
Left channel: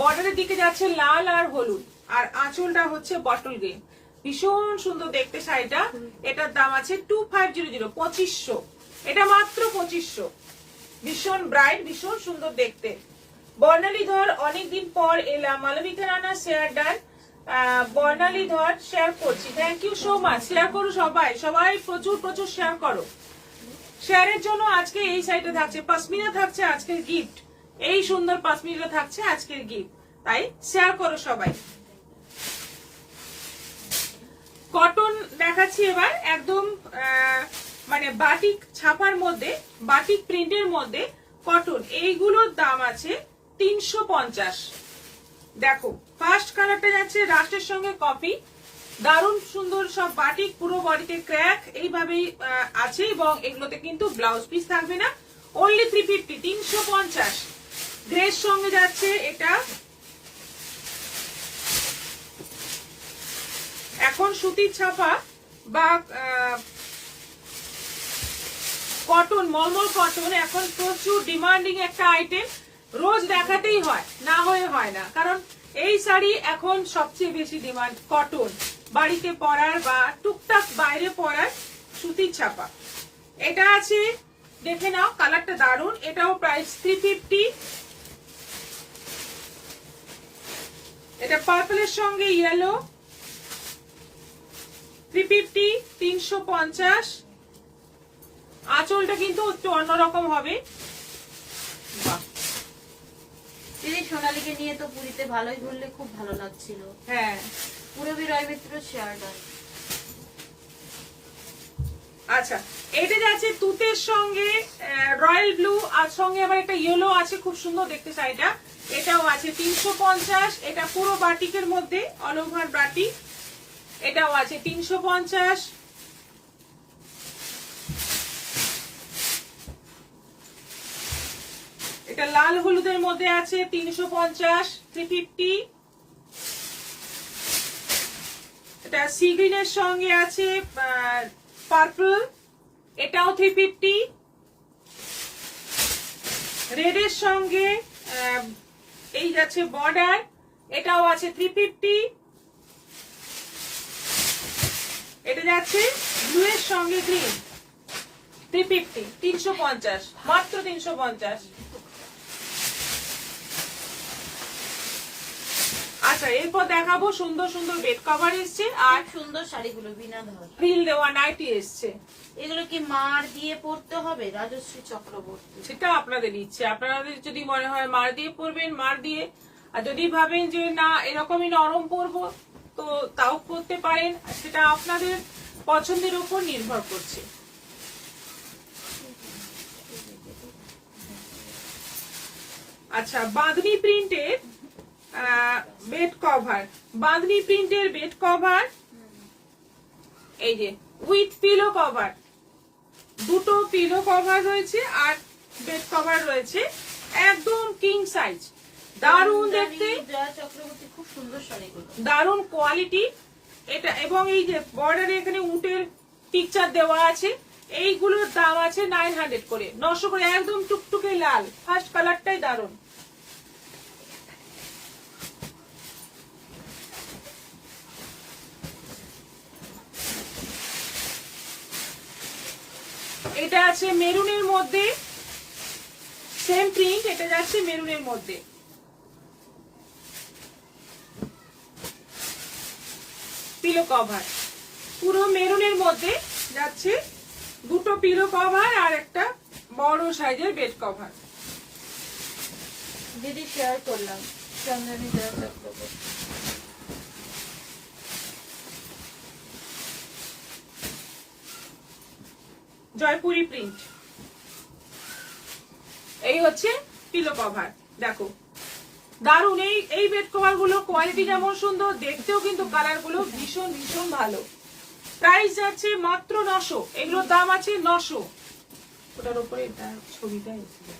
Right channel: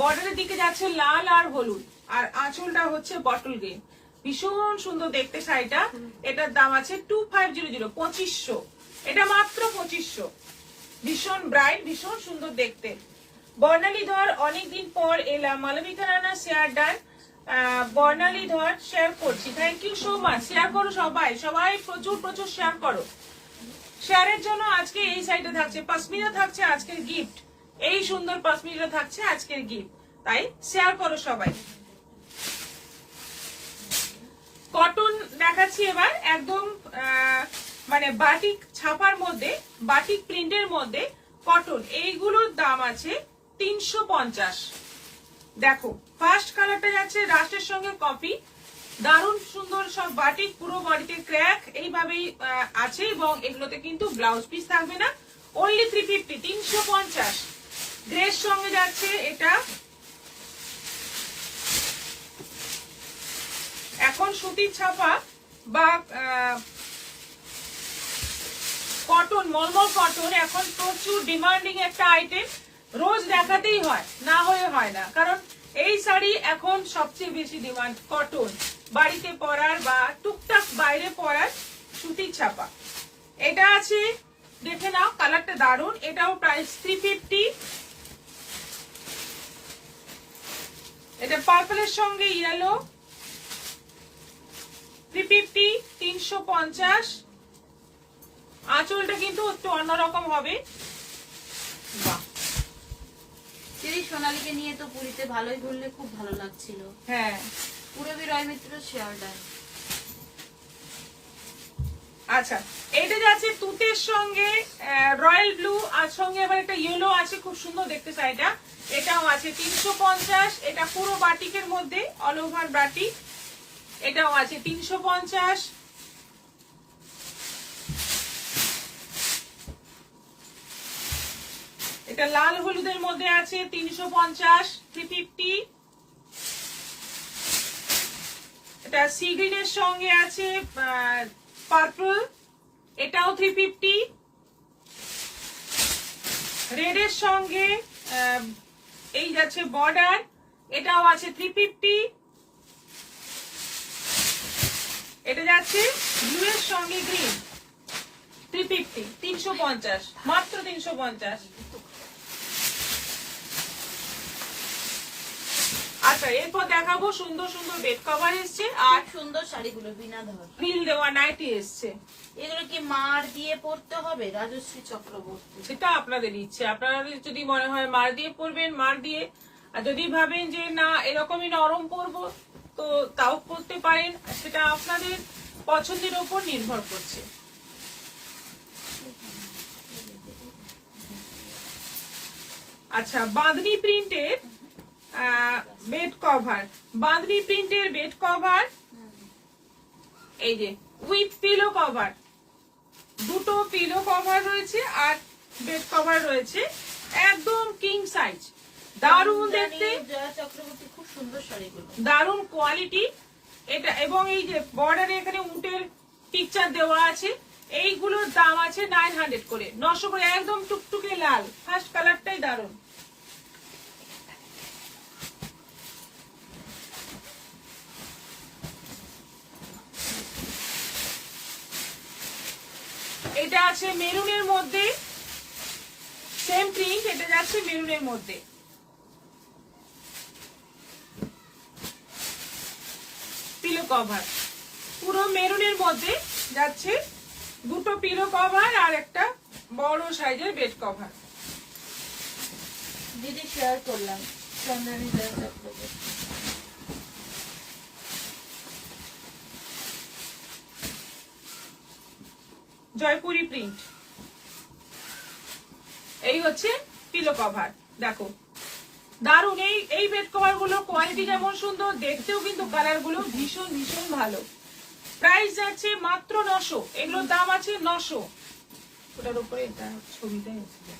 বর্ডারের দিকে যাচ্ছে লাল আর হলুদ, আর আঁচলটা হচ্ছে বটল গ্রিন। ভীষণ সুন্দর দেখতে শাড়িটা। এটার দাম আছে 2500, 2500। এটা মাত্র 2500। ভীষণ ব্রাইট, ভীষণ সুন্দর দেখতে। বর্ণালী ধর অনেকদিন পর এলাম, Malabika Rana share done. Barnali Dhar share করছি, thank you so much. Share করো সবাই, সবাই প্রচুর প্রচুর শেয়ার করো। শেয়ারের জন্য আজকে এই সাইডে থাকছে পশমিনা, থাকছে আজকের গিফট, এই সুন্দর পশমিনা থাকছে আজকের গিফট, তাই শেয়ার করো সবাই। কটন দেখাচ্ছি এবার, একদম মানে বাটিক ছাপার মধ্যে, বাটিক প্রিন্টের মধ্যে কটন। এইগুলোর দাম আছে 350। দেখো ফার্স্ট কালারটা যাচ্ছে রাস্টের সঙ্গে কপি, দারুণ সুন্দর সব বাটিক, পুরো বডিতে ক্র্যাক এইভাবেই আছে, এবং এগুলোতে কিন্তু ব্লাউজ পিস থাকবে না। অনলি 350, 350। ড্রেস সঙ্গে যাচ্ছে এটা। এখন সুতির ছাপা বা কটন, মলমল কটন এখন প্রচুর ডিমান্ডিং একটা আইটেম, রোজ দেখাতেই হয়, না হয়ে হয় না, কারণ এই শাড়ি এখন সবচেয়ে বেশি ডিমান্ড, কটন, বাড়িতে পরার বা টুকটাক বাইরে পরার সুতির ছাপা। এটা আছে, দেখে নাও, কালারটা দারুন। এটাও প্রাইস 350। এটা পার্পলের সঙ্গে ইয়েলো, 350, 350। আঁচলটা কিন্তু একটু অন্যরকম হবে। বাহ, দিদি সোনালীকে নিয়ে তো পুরীতে ভালোই ঘুরলে, খুব ভালো লাগছিল। হ্যাঁ। পুরবী রয় মিত্র শেয়ারটা। আচ্ছা, এটা যাচ্ছে তুতের সঙ্গে রয়্যাল ব্লু, আর সঙ্গে আবার একটা ইয়েলো আছে, খুব সুন্দর দেখতে শাড়িটা। এটাও আছে 350। এটা পুরো বাটিকের মধ্যে, অল ওভার বাটিক। এটাও আছে 350। এটা লাল হলুদের মধ্যে আছে 350, 350। এটা সি গ্রিনের সঙ্গে আছে পার্পল, এটাও 350। রেড এর সঙ্গে এই যাচ্ছে বর্ডার, এটাও আছে 350। এটা যাচ্ছে ব্লু এর সঙ্গে গ্রিন, 350, 350, মাত্র 350। আচ্ছা, এরপর দেখাবো সুন্দর সুন্দর বেড কভার এসছে আর সুন্দর শাড়িগুলো বিনা ধর ফ্রিল দেওয়া নাইটি এসছে। এগুলো কি মার দিয়ে পড়তে হবে? রাজশ্রী চক্রবর্তী। সেটা আপনাদের ইচ্ছে, আপনাদের যদি মনে হয় মার দিয়ে পরবেন মার দিয়ে, আর যদি ভাবেন যে না এরকমই নরম পরবো তো তাও পরতে পারেন, সেটা আপনাদের পছন্দের উপর নির্ভর করছে। আচ্ছা, বাঁধনি প্রিন্টের বেড কভার, বাঁধনি প্রিন্টের বেড কভার, এই যে উইথ পিলো কভার, দুটো পিলো কভার রয়েছে আর বেড কভার রয়েছে, একদম কিং সাইজ, দারুণ দেখতে, জয়া চক্রবর্তী। খুব সুন্দর শাড়িগুলো, দারুণ কোয়ালিটি এটা। এবং এই যে বর্ডারে এখানে উটের পিকচার দেওয়া আছে। এইগুলোর দাম আছে 900 করে, 900 করে, একদম টুকটুকে লাল, ফার্স্ট কালারটাই দারুণ। এটা আছে মেরুনের মধ্যে, সেম প্রিন্ট, এটা যাচ্ছে মেরুনের মধ্যে, পিলো কভার, পুরো মেরুনের মধ্যে যাচ্ছে, দুটো পিলো কভার আর একটা বড় সাইজের বেড কভার। দিদি শেয়ার করলাম, চন্দনী জয়া চক্রবর্তী। জয়পুরি প্রিন্ট, এই হচ্ছে পিলো কভার। দেখো দারুন, এই বেড কভার গুলো কোয়ালিটি যেমন সুন্দর, দেখতেও কিন্তু কালার গুলো ভীষণ ভীষণ ভালো। প্রাইস যাচ্ছে মাত্র 900, এগুলোর দাম আছে 900। ওটার উপরে এটা ছবিটা এসেছে।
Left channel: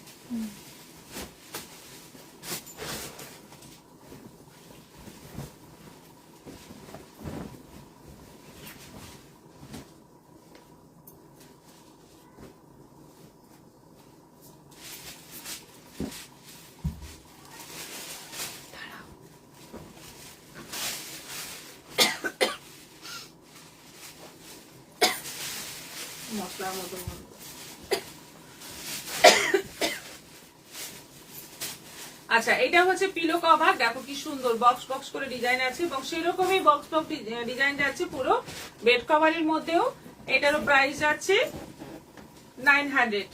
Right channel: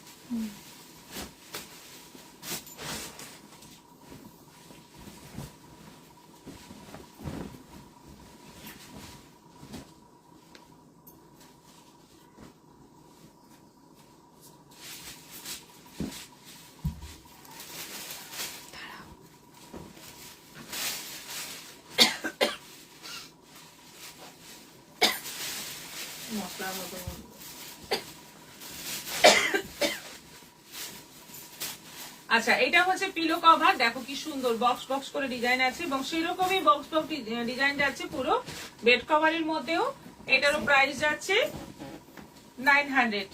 মশলার মতো আচ্ছা, এটা হচ্ছে পিলো কভার। দেখো কি সুন্দর বক্স বক্স করে ডিজাইন আছে, এবং সেরকমই বক্স বক্স ডিজাইন যাচ্ছে পুরো বেড কভারের মধ্যেও। এটারও প্রাইস যাচ্ছে 900,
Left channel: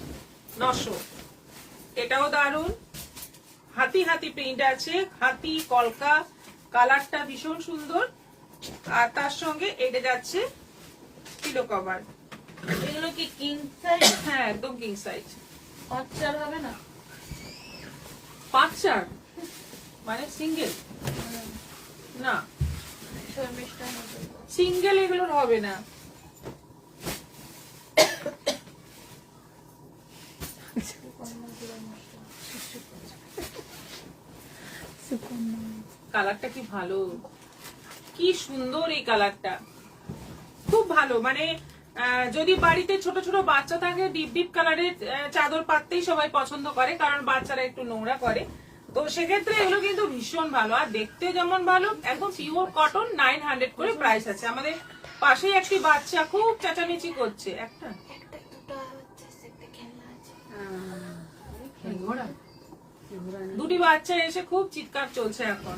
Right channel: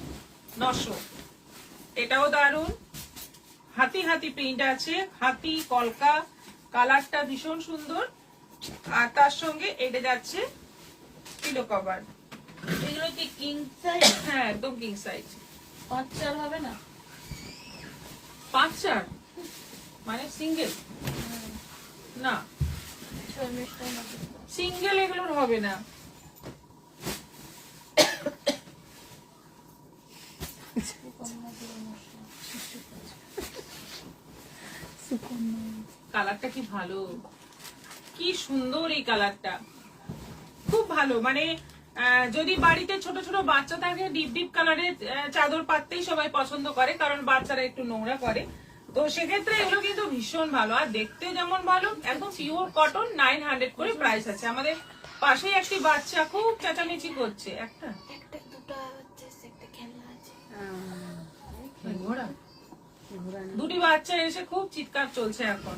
900। এটাও দারুন, হাতি হাতি প্রিন্ট আছে, হাতি কলকা, কালারটা ভীষণ সুন্দর। আর তার সঙ্গে এটা যাচ্ছে পিলো কভার। এগুলো কি কিং সাইজ? হ্যাঁ, একদম কিং সাইজ। 5-4 হবে না? 5-4 মানে সিঙ্গেল না, সিঙ্গেল এগুলোর হবে না। কালারটা কি ভালো, কি সুন্দর এই কালারটা, খুব ভালো। মানে যদি বাড়িতে ছোট ছোট বাচ্চা থাকে, ডিপ ডিপ কালারের চাদর পাততেই সবাই পছন্দ করে, কারণ বাচ্চারা একটু নোংরা করে। তো সেক্ষেত্রে এগুলো কিন্তু ভীষণ ভালো, আর দেখতে যেমন ভালো, একদম পিওর কটন। 900 করে প্রাইস আছে। আমাদের পাশেই একটি বাচ্চা খুব চেঁচামেচি করছে। একটা দুটি বাচ্চা এসে খুব চিৎকার চলছে এখন,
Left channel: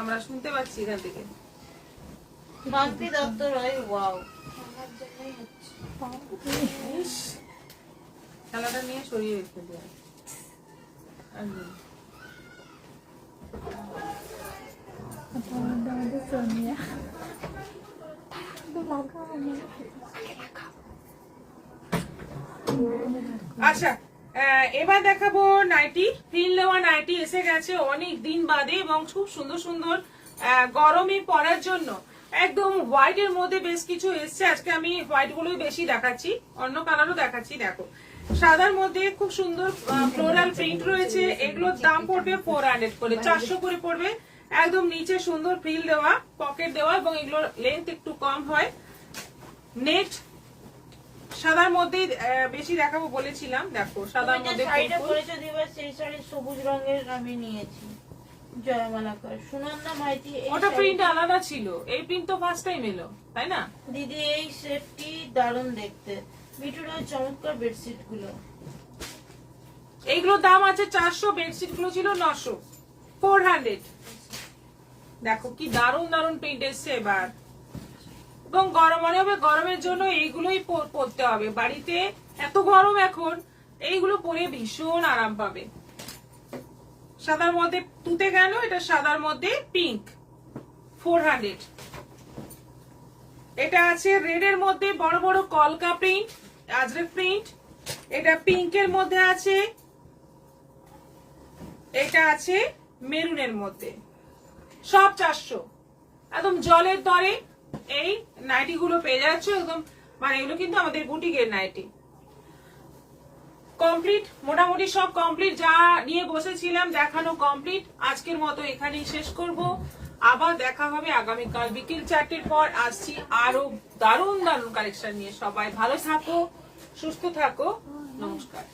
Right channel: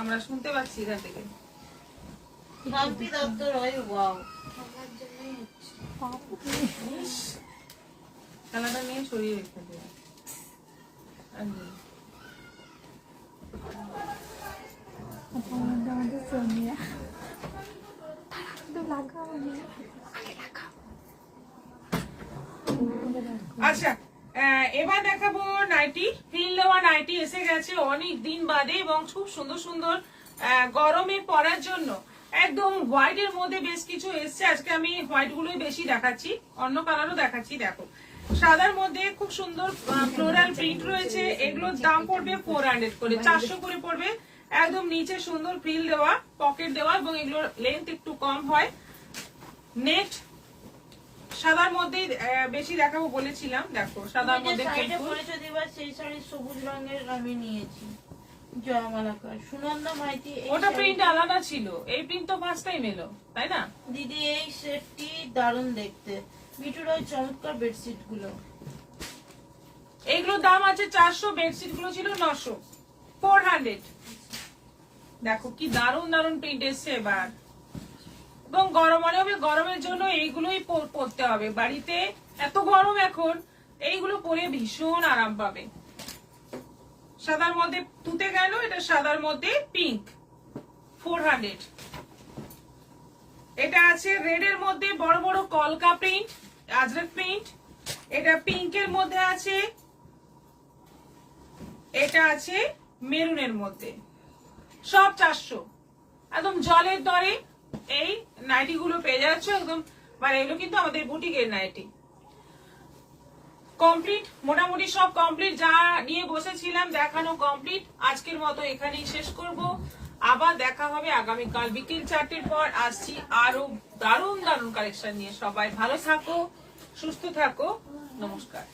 আমরা শুনতে পাচ্ছি এখান থেকে। মাম্পি দত্তর হয়, ওয়াও। খেলাটা নিয়ে সরিয়ে রেখে দেয় একদম। আমাদের সোনিয়া আচ্ছা, এবার দেখাবো নাইটি। ফ্রিল দেওয়া নাইটি এসে গেছে অনেক দিন বাদে, এবং খুব সুন্দর সুন্দর গরমে পরার জন্য। একদম হোয়াইট এর মধ্যে বেশ কিছু এসছে। আজকে আমি হোয়াইট গুলোই বেশি দেখাচ্ছি, অন্য কালারও দেখাচ্ছি। দেখো, সাদার মধ্যে খুব সুন্দর ফ্লোরাল প্রিন্ট রয়েছে। এগুলোর দাম পড়বে 400 করে, 400 করে পড়বে। একদম নিচে সুন্দর ফ্রিল দেওয়া, পকেট দেওয়া, এবং এগুলোর লেন্থ একটু কম হয়। নেট সাদার মধ্যে বেশি দেখাবো বলেছিলাম। দেখো, সাদার মধ্যে শাড়িটা পরেছো দিবার, সেই শাড়ি সবুজ রঙের আমি নিয়েছি। জয়মালাকার সুনন্দা মাইতি। ওটা প্রিন্ট আলাদা ছিল, এই প্রিন্ট তো ফার্স্ট টাইম এলো, তাই না? দিদি এই সেটটি দারুণ দেখতে। মিঠুর ওই চমৎকার বেডশিট গুলো, এইগুলোর দাম আছে 400, বেডশিট গুলো ছিল 900, 400। দেখো কি দারুণ দারুণ প্রিন্ট এসছে এবার। এবং গরম মনে হবে, গরমের জন্য এইগুলোই পরতে হবে। বাড়িতে এত গরম এখন, এইগুলো পরে ভীষণ আরাম পাবে। সাদার মধ্যে তুতে গেল, এটা সাদার মধ্যে পিঙ্ক, 400। এটা আছে রেড এর মধ্যে বড় বড় কলকা প্রিন্ট, আজরক প্রিন্ট। এটা পিঙ্কের মধ্যে আছে, এটা আছে মেরুনের মধ্যে। সব 400। একদম জলের দরে এই নাইটি গুলো পেয়ে যাচ্ছ একদম। মানে এগুলো কিন্তু আমাদের বুটিকের নাইটি। কমপ্লিট, মোটামুটি সব কমপ্লিট। যা নিয়ে বসেছিলাম দেখানো কমপ্লিট। আজকের মতো এখানেই শেষ করব। আবার দেখা হবে আগামীকাল বিকেল 4টের পর। আসছি আরো দারুণ দারুণ কালেকশন নিয়ে। সবাই ভালো থাকো, সুস্থ থাকো, নমস্কার।